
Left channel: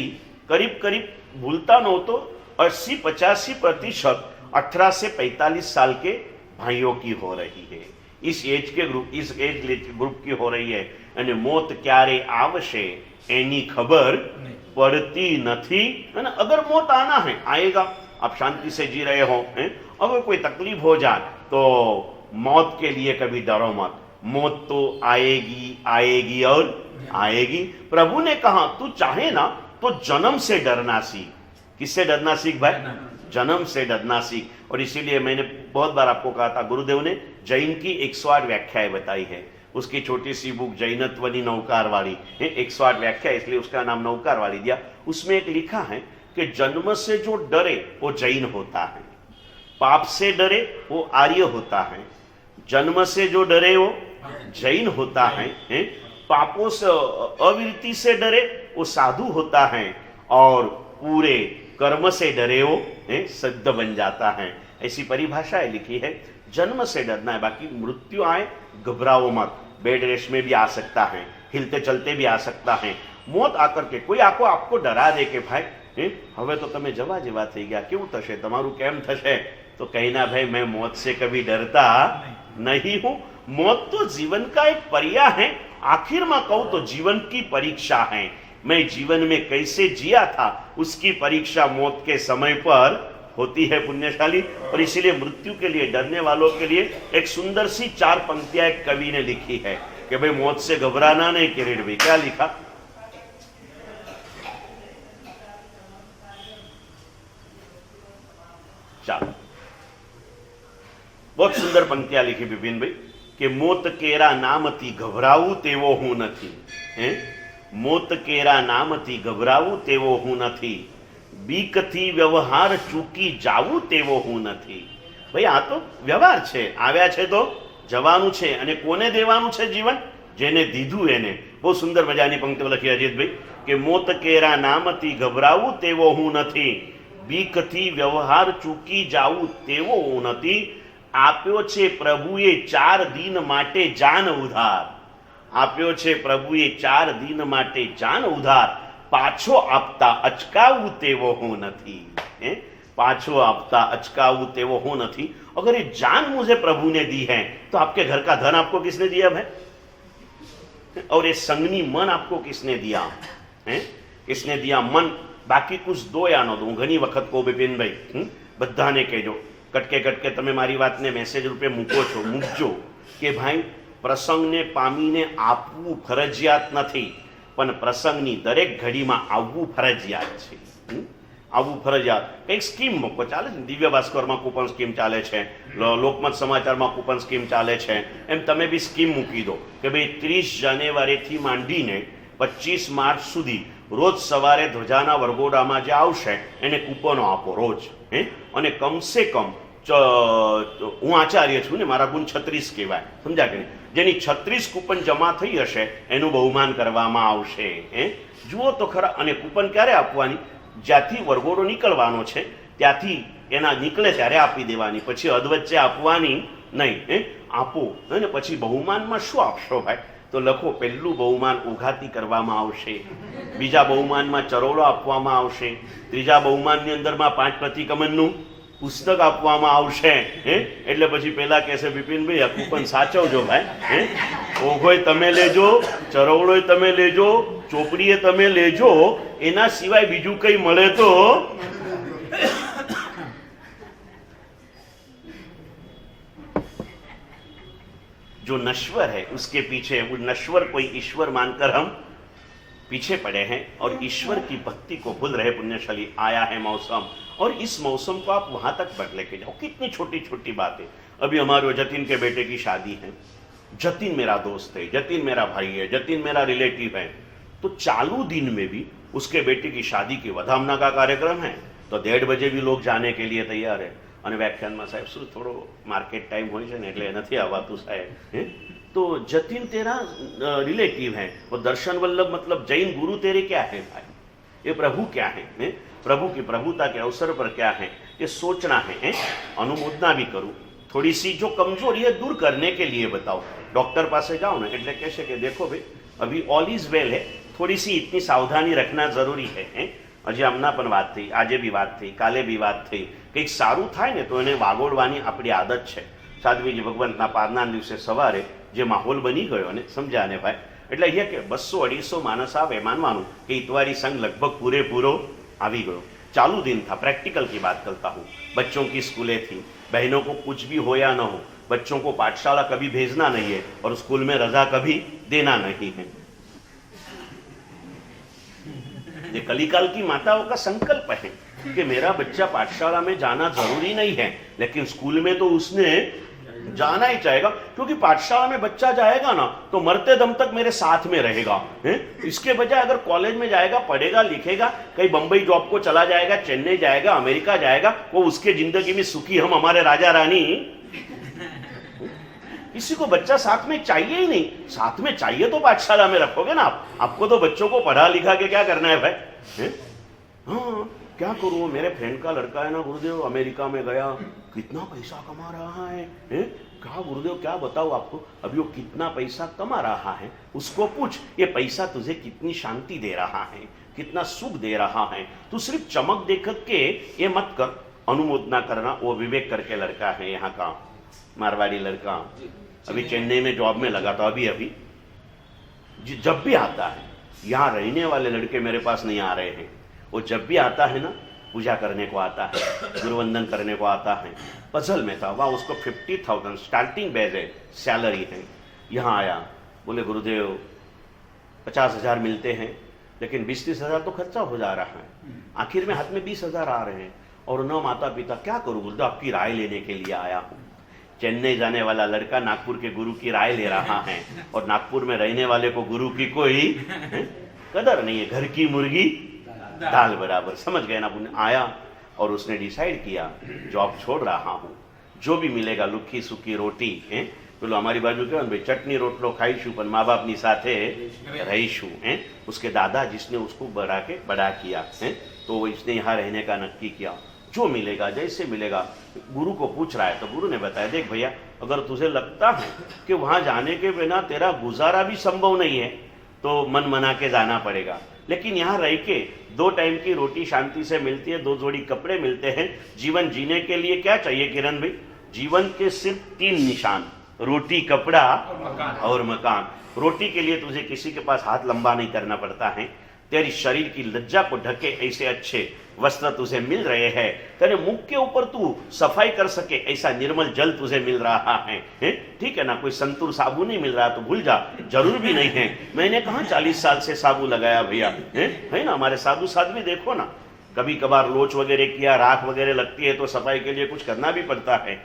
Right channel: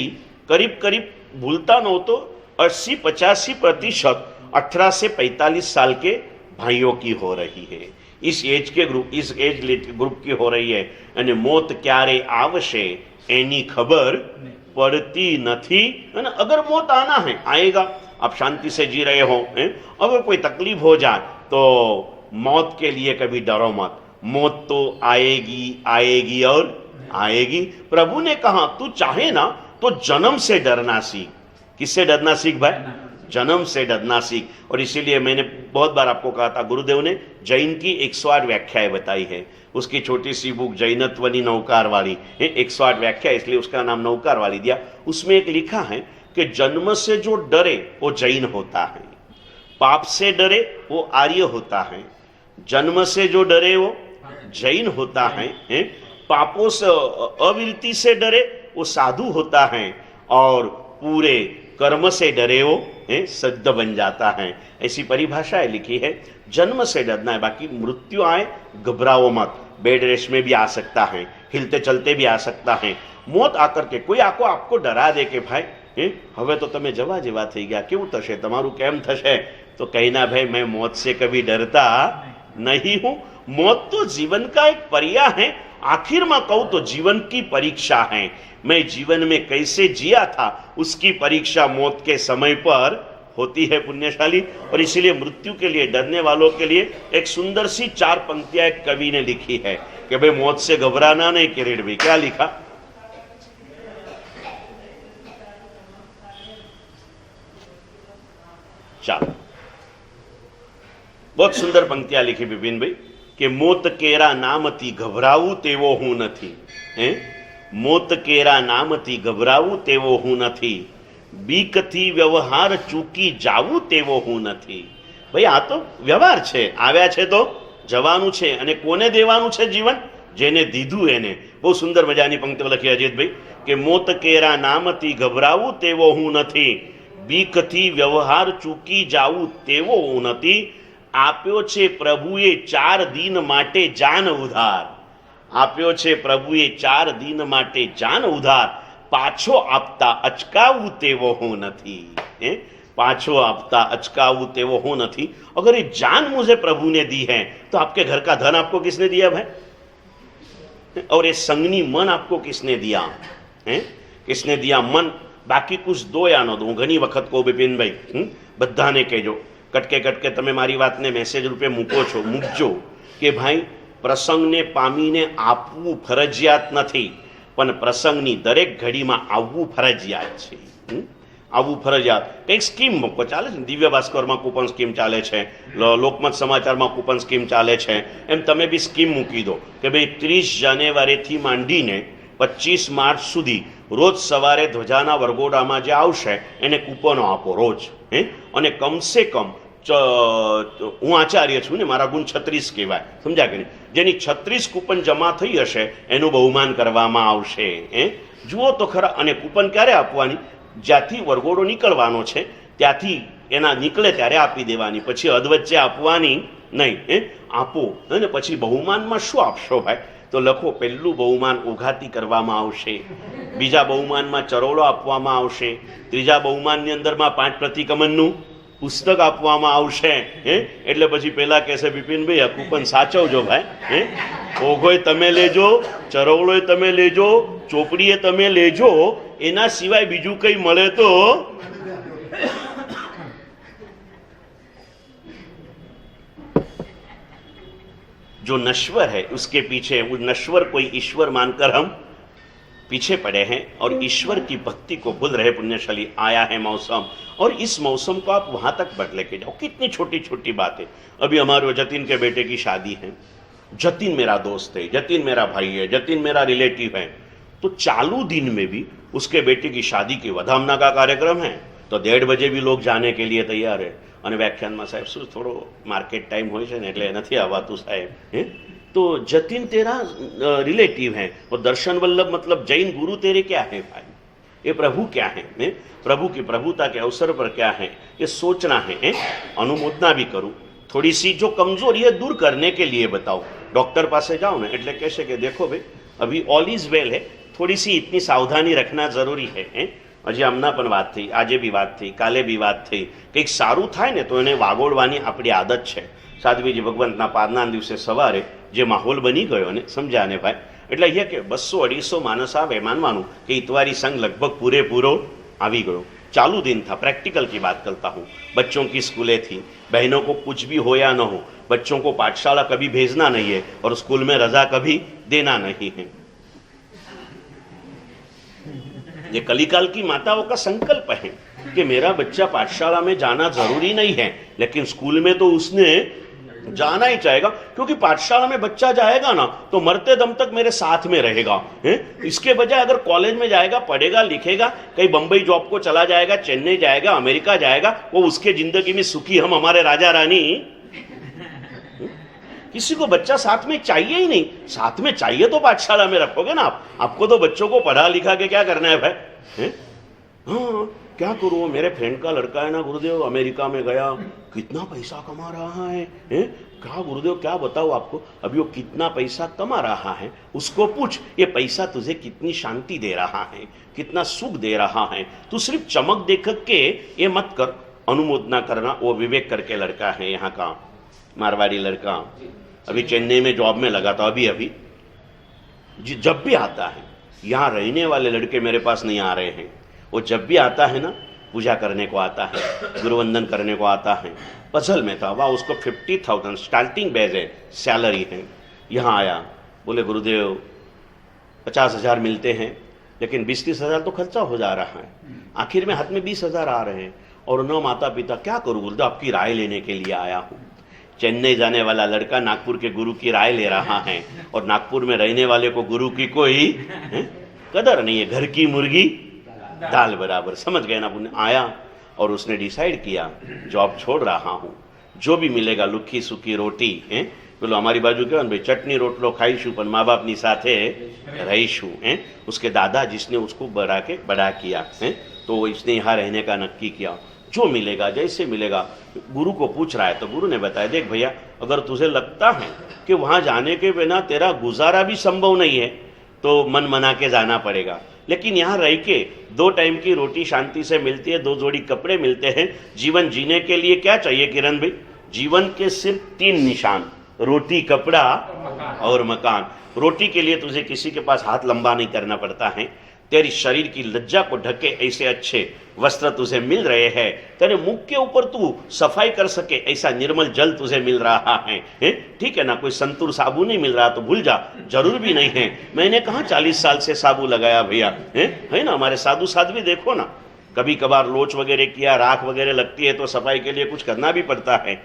करीब करीब भूलता न हो तो 80-85% 18 से 45 साल के भाइयों की हो रही है। इस एज ग्रुप की हो रही है। અને મોત ક્યારે આવશે એની खबर पड़ती नहीं, है ना। अगर मौत आना है आएगा, आप शांति से जी रहे हो, अगर कोई तकलीफ हो जाए तो मौत के लिए कभी डरो मत, मौत तो आएगी आएगी और आएगी। प्रभु ने कहा तू चाहे ना तो जन्म से डरना सीख। किससे डरना सीख भाई? जन्म से डरना सीख। और इसीलिए मैंने बहुत बार आपको कहा था, गुरुदेव ने जैन की 108 व्याख्याएं बताई है। उसकी छोटी सी बुक जैनत्वनी नौकार वाली 108 व्याख्या, इसलिए उसका नाम नौकार वाली दिया। उसमें एक लिखा है कि जन्म से जो डरे वो जैन होता है, पाप से डरे वो आर्य होता है, जन्म से जो डरे वो जैन होता है, पापों से अविरति से डरे वो साधु होता है, और पूरे कर्म से डरे वो सिद्ध बन जाता है। ऐसी परिभाषाएं लिखी है। जन्म से डरना है, बाकी मृत्यु आए घबराओ मत। बेड रेस्ट में भी आ सकता है, हिलते चलते भी आ सकता है। मौत आकर के कोई आपको डरा दे के भाई હવે તો તમે જવા જેવા થઈ ગયા, કેવું થશે તમારું, કેમ થશે, तो कहना भाई मैं मौत से कभी डरता नहीं हूं। मौत तो जीवन का एक पर्याय है। आखिर में कहूं तो जीवन की परीक्षा है। मैं जीवन में कैसे जिया था उसकी परीक्षा मौत के समय पर होती है पुण्यशाली। और इसीलिए मृत्यु के लिए डरने वालों के लिए एक सुंदर सी 4 पंक्तियां एक कवि ने लिखी है कि भाई मौत से घबराना नहीं। किरीट भाई क्या लिखा? चलो, बहुत सुंदर पंक्तियां लिखी विपिन भाई कि मोत केरा नामती घबरावू तेवो हूं नथी। मोत केरा नामती घबरावू तेवो हूं नथी, बीकथी व्यवहार चूकी जावू तेवो हूं नथी। भाई आ तो व्यवहार छे, આવ્યા છે તો જવાનું છે, અને કોને દેવાનું છે જીવન? જેને દીધું એને। બહુ સુંદર મજાની પંક્તિઓ લખી અજીતભાઈ કે મોત કેરા નામતી ઘબરાવું તેવો હું નથી, બીકથી વ્યવહાર ચૂકી જાવું તેવો હું નથી। આપ્યો છે પ્રભુએ 4 દિન માટે જાન ઉધાર, આપ્યો છે પ્રભુએ 4 દિન માટે જાન ઉધાર, પાછો આપતા અચકાવું તેવો હું નથી। पाछो आपता अचकाऊ तेवो हो नहीं। अगर ये जान मुझे प्रभु ने दी है तो आपके घर का धन आपको किसने दिया है? और ये संगनी मन आपको किसने दिया है? किसने दिया? मन બાકી કુછ દો યા ન દો. હું ઘણી વખત કહું બિપિનભાઈ, બધાને કહેજો, કટકે તમે મારી વાતને મેસેજ રૂપે મૂકજો કે ભાઈ પ્રસંગને પામીને આપવું ફરજિયાત નથી, પણ પ્રસંગની દરેક ઘડીમાં આવવું ફરજિયાત છે. આવવું ફરજિયાત. કંઈક સ્કીમ મૂકો, ચાલે છે. દિવ્ય ભાસ્કરમાં કૂપન સ્કીમ ચાલે છે, લોકમત સમાચારમાં કૂપન સ્કીમ ચાલે છે. એમ તમે બી સ્કીમ મૂકી દો કે ભાઈ 30 જાન્યુઆરીથી માંડીને 25 માર્ચ સુધી રોજ સવારે ધ્વજાના વરઘોડામાં જે આવશે એને કૂપનો આપો રોજ. અને કમસે કમ હું આચાર્ય છું ને, મારા ગુણ 36 કહેવાય, સમજ્યા કે નહીં? જેની 36 કૂપન જમા થઈ હશે એનું બહુમાન કરવામાં આવશે. જુઓ તો ખરા. અને કૂપન ક્યારે આપવાની? જ્યાંથી વરઘોડો નીકળવાનો છે ત્યાંથી એના નીકળે ત્યારે આપી દેવાની, પછી અધવચ્ચે આપવાની નહીં. આપો. અને પછી બહુમાનમાં શું આપશો ભાઈ? તો લખો, પહેલું બહુમાન ઉઘાતી કરવામાં આવશે, બીજા બહુમાનમાં ચરોડો આપવામાં આવશે, ત્રીજા બહુમાનની અંદરમાં 5 પ્રતિકમનનું પુસ્તક આપવામાં આવશે. એટલે પછી પેલા કહેશે, બિપિનભાઈ આ કૂપન સાચવજો ભાઈ. ઓઘોય તમે લેજો, ચરોવડોય તમે લેજો, ચોપડીએ તમે લેજો, એના સિવાય બીજું કંઈ મળે તો जो नश्वर है उसके पीछे, वो नश्वर कोई ईश्वर मानकर हम पीछे पड़े हैं और ईश्वर की भक्ति को भूल रहे. पुण्यशाली आया है मौसम, और इस मौसम को आप वहां तक बढ़ लेके जाओ. कितनी छोटी छोटी बातें. अभी हमारे जतिन के बेटे की शादी है. जतिन मेरा दोस्त है, जतिन मेरा भाई है, जतिन मेरा रिलेटिव है. तो चालू दिन में भी उसके बेटे की शादी की वधामना का कार्यक्रम है, तो 1:30 बजे भी लोग जाने के लिए तैयार है. અને વ્યાખ્યાનમાં સાહેબ શું થોડો માર્કેટ ટાઈમ હોય છે ને એટલે નથી આવવાતું સાહેબ. तो जतिन तेरा रिलेटिव है, और दर्शन वल्लभ मतलब जैन गुरु तेरे क्या है भाई? ये प्रभु क्या है? प्रभु की प्रभुता के अवसर पर क्या है ये सोचना है. अनुमोदना भी करूँ, थोड़ी सी जो कमजोरी है दूर करने के लिए बताओ. डॉक्टर पास जाओ ना એટલે કહેશે કે देखो भाई अभी ऑल इज वेल है, थोड़ी सी इतनी सावधानी रखना जरूरी है. હજી હમણાં પણ વાત થઈ, આજે બી વાત થઈ, કાલે બી વાત થઈ. કંઈક સારું થાય ને તો એને વાગોળવાની આપણી આદત છે. સાધ્વીજી ભગવંતના પાદના દિવસે સવારે જે માહોલ બની ગયો ને, સમજ્યા ને ભાઈ? એટલે અહીંયા કે 200-250 માણસ આવે, માનવાનું કે इतवारी संघ लगभग पूरे આવી ગયો. चालू दिन था, प्रैक्टिकल की बात करता हूँ. बच्चों की स्कूलें थी, बहनों को कुछ भी हो या न हो, बच्चों को पाठशाला कभी भेजना नहीं है और स्कूल में रजा कभी देना नहीं है. ये कलिकाल की माताओं का संकल्प है कि मेरा बच्चा पाठशाला में जाना जरूरी नहीं है, लेकिन स्कूल में तो उसने जाना ही चाहेगा, क्योंकि पाठशाला में बच्चा जाएगा ना तो मरते दम तक मेरे साथ में रहेगा. इसके बजाय अगर कॉलेज में जाएगा, पढ़ेगा, लिखेगा, कहीं बंबई जॉब को चला जाएगा, चेन्नई जाएगा, अमेरिका जाएगा, वो उसके जिंदगी में सुखी, हम हमारे राजा रानी. किसी को बच्चा साथ में चाहिए ही नहीं. साथ में चाहिए तो पाठशाला में रखोगे ना आप. आपको तो बच्चों को पढ़ा लिखा के क्या करना है भाई? हाँ, क्या करूँ, मेरे फ्रेंड का लड़का है ना गुरुदेव, अमेरिका में गया, कितना पैसा कमा रहा है. क्या गुरुदेव क्या बताऊँ आपको, अभी वो कितना पैसा कमा रहा है, उसको पूछ ये पैसा तुझे कितनी शांति दे रहा है, कितना सुख दे रहा है. तू सिर्फ चमक देख के ये मत कर. अनुमोदना करना. वो विवेक करके लड़का है, यहाँ का मारवाड़ी लड़का, अभी चेन्नई में जॉब में लगा था. अभी जब भी आता है, यहाँ रहने वाले लड़के मेरे पास नहीं आ रहे हैं, वो जब भी आता है ना पूजा करने को आता है, गुरुवंदन करने को आता है. पजल में था, वाह उसको 50,000 स्टार्टिंग बेज है, सैलरी है. यहाँ आया, बोले गुरुदेव 50,000 मिलते हैं, लेकिन 20-30 हज़ार तो खर्चा हो जा रहा है. आखिर में हाथ में 20,000 आ रहे हैं और न माता पिता. क्या करूँ गुरुदेव, आपकी राय लेने के लिए आया हूँ. चेन्नई जाने वाला लड़का नागपुर के गुरु की राय ले रहा है, और नागपुर में रहने वाले को गुरु की कोई कदर नहीं है. घर की मुर्गी दाल बराबर, समझ गए ना. आया और उसने डिसाइड किया जॉब छोड़ रहा हूँ, जो भी मिलेगा લુખી સુકી રોટી. પેલો અમારી બાજુ કહેવાય ને ભાઈ, ચટણી રોટલો ખાઈશું પણ મા બાપની સાથે રહીશું. उसके दादा जिसने उसको बड़ा किया, तो इसने यहाँ रहने का नक्की किया. जो मिलेगा जैसे मिलेगा. गुरु को पूछ रहा है तो गुरु ने बताया, देख भैया अगर तुझे लगता है कि वहाँ जाने के बिना तेरा गुजारा भी संभव नहीं है तो मन मना के जाना पड़ेगा, लेकिन यहाँ रह के 2 टाइम की रोटी शांति से मिलती है, 2 जोड़ी कपड़े मिलते हैं. जीवन जीने के लिए क्या चाहिए किरण भाई? जीवन के सिर्फ 3 निशान, रोटी, कपड़ा और मकान. रोटी के लिए तुझे किसी के पास हाथ लंबा नहीं करना पड़ता है. तेरी शरीर की लज्जा को ढके ऐसे अच्छे वस्त्र तुझे मिल रहे हैं, तेरे मुख के ऊपर तू सफाई कर सके ऐसा निर्मल जल तुझे मिल रहा है, ठीक है ना। कोई संतूर साबुन नहीं मिल रहा तो भूल जा, जरूर भी नहीं है। मैंने कहा 40 साल से साबुन लगाया भैया, है ना। हमारे साधु साध्वी देखो ना, कभी कभार लोच वगैरह किया, राख वगैरह लगती है तो सफाई के लिए कुछ करना भी पड़ता है,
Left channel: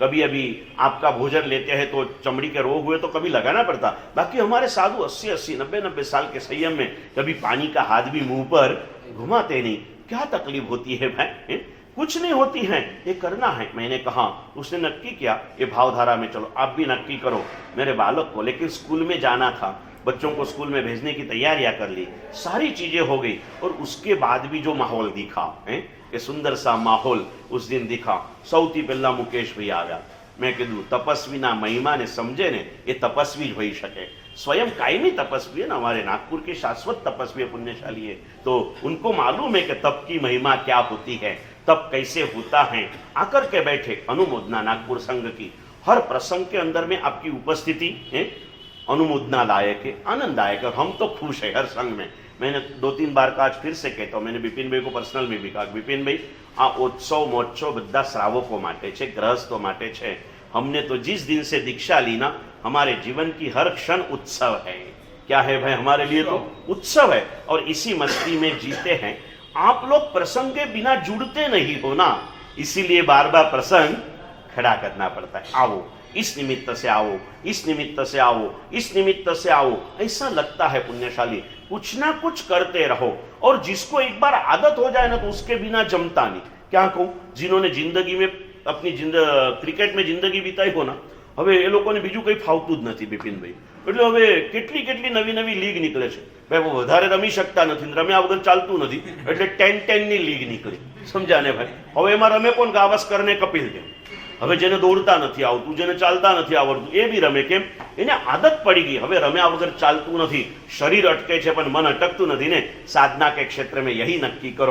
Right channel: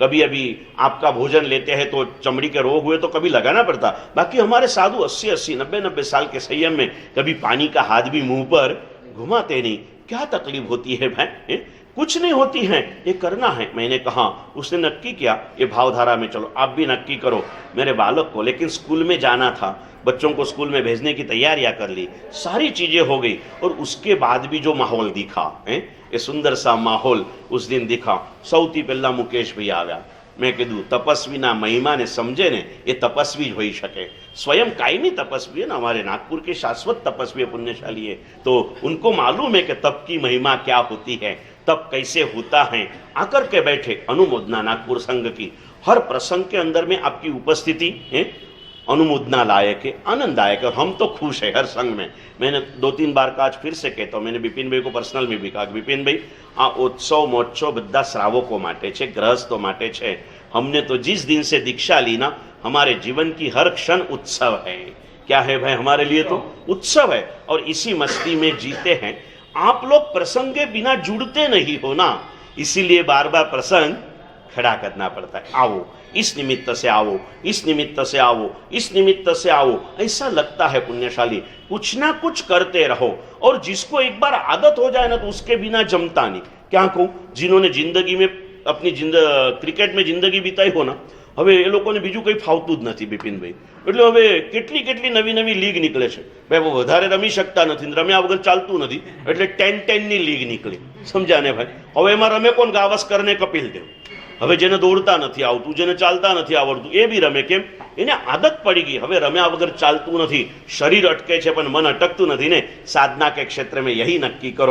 कभी अभी आपका भोजन लेते हैं तो चमड़ी के रोग हुए तो कभी लगाना पड़ता। बाकी हमारे साधु 80-80, 90-90 साल के संयम में कभी पानी का हाथ भी मुंह पर घुमाते नहीं। क्या तकलीफ होती है भाई, कुछ नहीं होती है, ये करना है। मैंने कहा, उसने नक्की किया ये भावधारा में चलो, आप भी नक्की करो मेरे बालक को। लेकिन स्कूल में जाना था, बच्चों को स्कूल में भेजने की तैयारियां कर ली, सारी चीजें हो गई, और उसके बाद भी जो माहौल दिखा है, ये सुंदर सा माहौल उस दिन दिखा। सौथी पहला मुकेश भाई आ गया। मैं कीधु तपस्वीना महिमा ने समझे ने ये तपस्वी हो सके, स्वयं कायमी तपस्वी है ना, हमारे नागपुर के शाश्वत तपस्वी पुण्यशाली है, तो उनको मालूम है कि तप की महिमा क्या होती है, तप कैसे होता है। आकर के बैठे, अनुमोदना नागपुर संघ की हर प्रसंग के अंदर में आपकी उपस्थिति है अनुमोदना लायक है, आनंददायक है, और हम तो खुश है हर संघ में। मैंने 2-3 बार का आज फिर से कहता हूँ, मैंने बिपिन भाई को पर्सनल में भी कहा, बिपिन भाई आ उत्सव महोत्सव बद्दा श्रावको माटे छे, गृहस्थो माटे छे। हमने तो जिस दिन से दीक्षा ली ना, हमारे जीवन की हर क्षण उत्सव है। क्या है भाई, हमारे लिए तो उत्सव है, और इसी मस्ती में जीते हैं। आप लोग प्रसंग के बिना जुड़ते नहीं हो ना, इसीलिए बार बार प्रसंग खड़ा करना पड़ता है। आओ, इस निमित्त से आओ, इस निमित्त से आओ, इस निमित्त से आओ, ऐसा लगता है पुण्यशाली। कुछ ना कुछ करते रहो, और जिसको एक बार आदत हो जाए ना तो उसके बिना जमता नहीं। क्या कहूं, जिन्होंने जिंदगी में अपनी क्रिकेट में जिंदगी बिताई हो ना, હવે એ લોકોને બીજું કંઈ ફાવતું જ નથી બિપિનભાઈ, એટલે હવે કેટલી કેટલી નવી નવી લીગ નીકળે છે ભાઈ, વધારે રમી શકતા નથી, રમ્યા વગર ચાલતું નથી, એટલે 10-10ની લીગ નીકળી, સમજ્યા ને ભાઈ। હવે એમાં રમે કોણ, ગાવસ્કર ને કપિલ દેવ। હવે જેને દોડતા નથી આવતું, જેને ચાલતા નથી આવડતું, એ બી રમે, કેમ, એને આદત પડી ગઈ। હવે રમ્યા વગર ચાલતું નથી, શરીર અટકે છે પણ મન અટકતું નથી ને। સાધના કે ક્ષેત્ર में यही नक्की करो।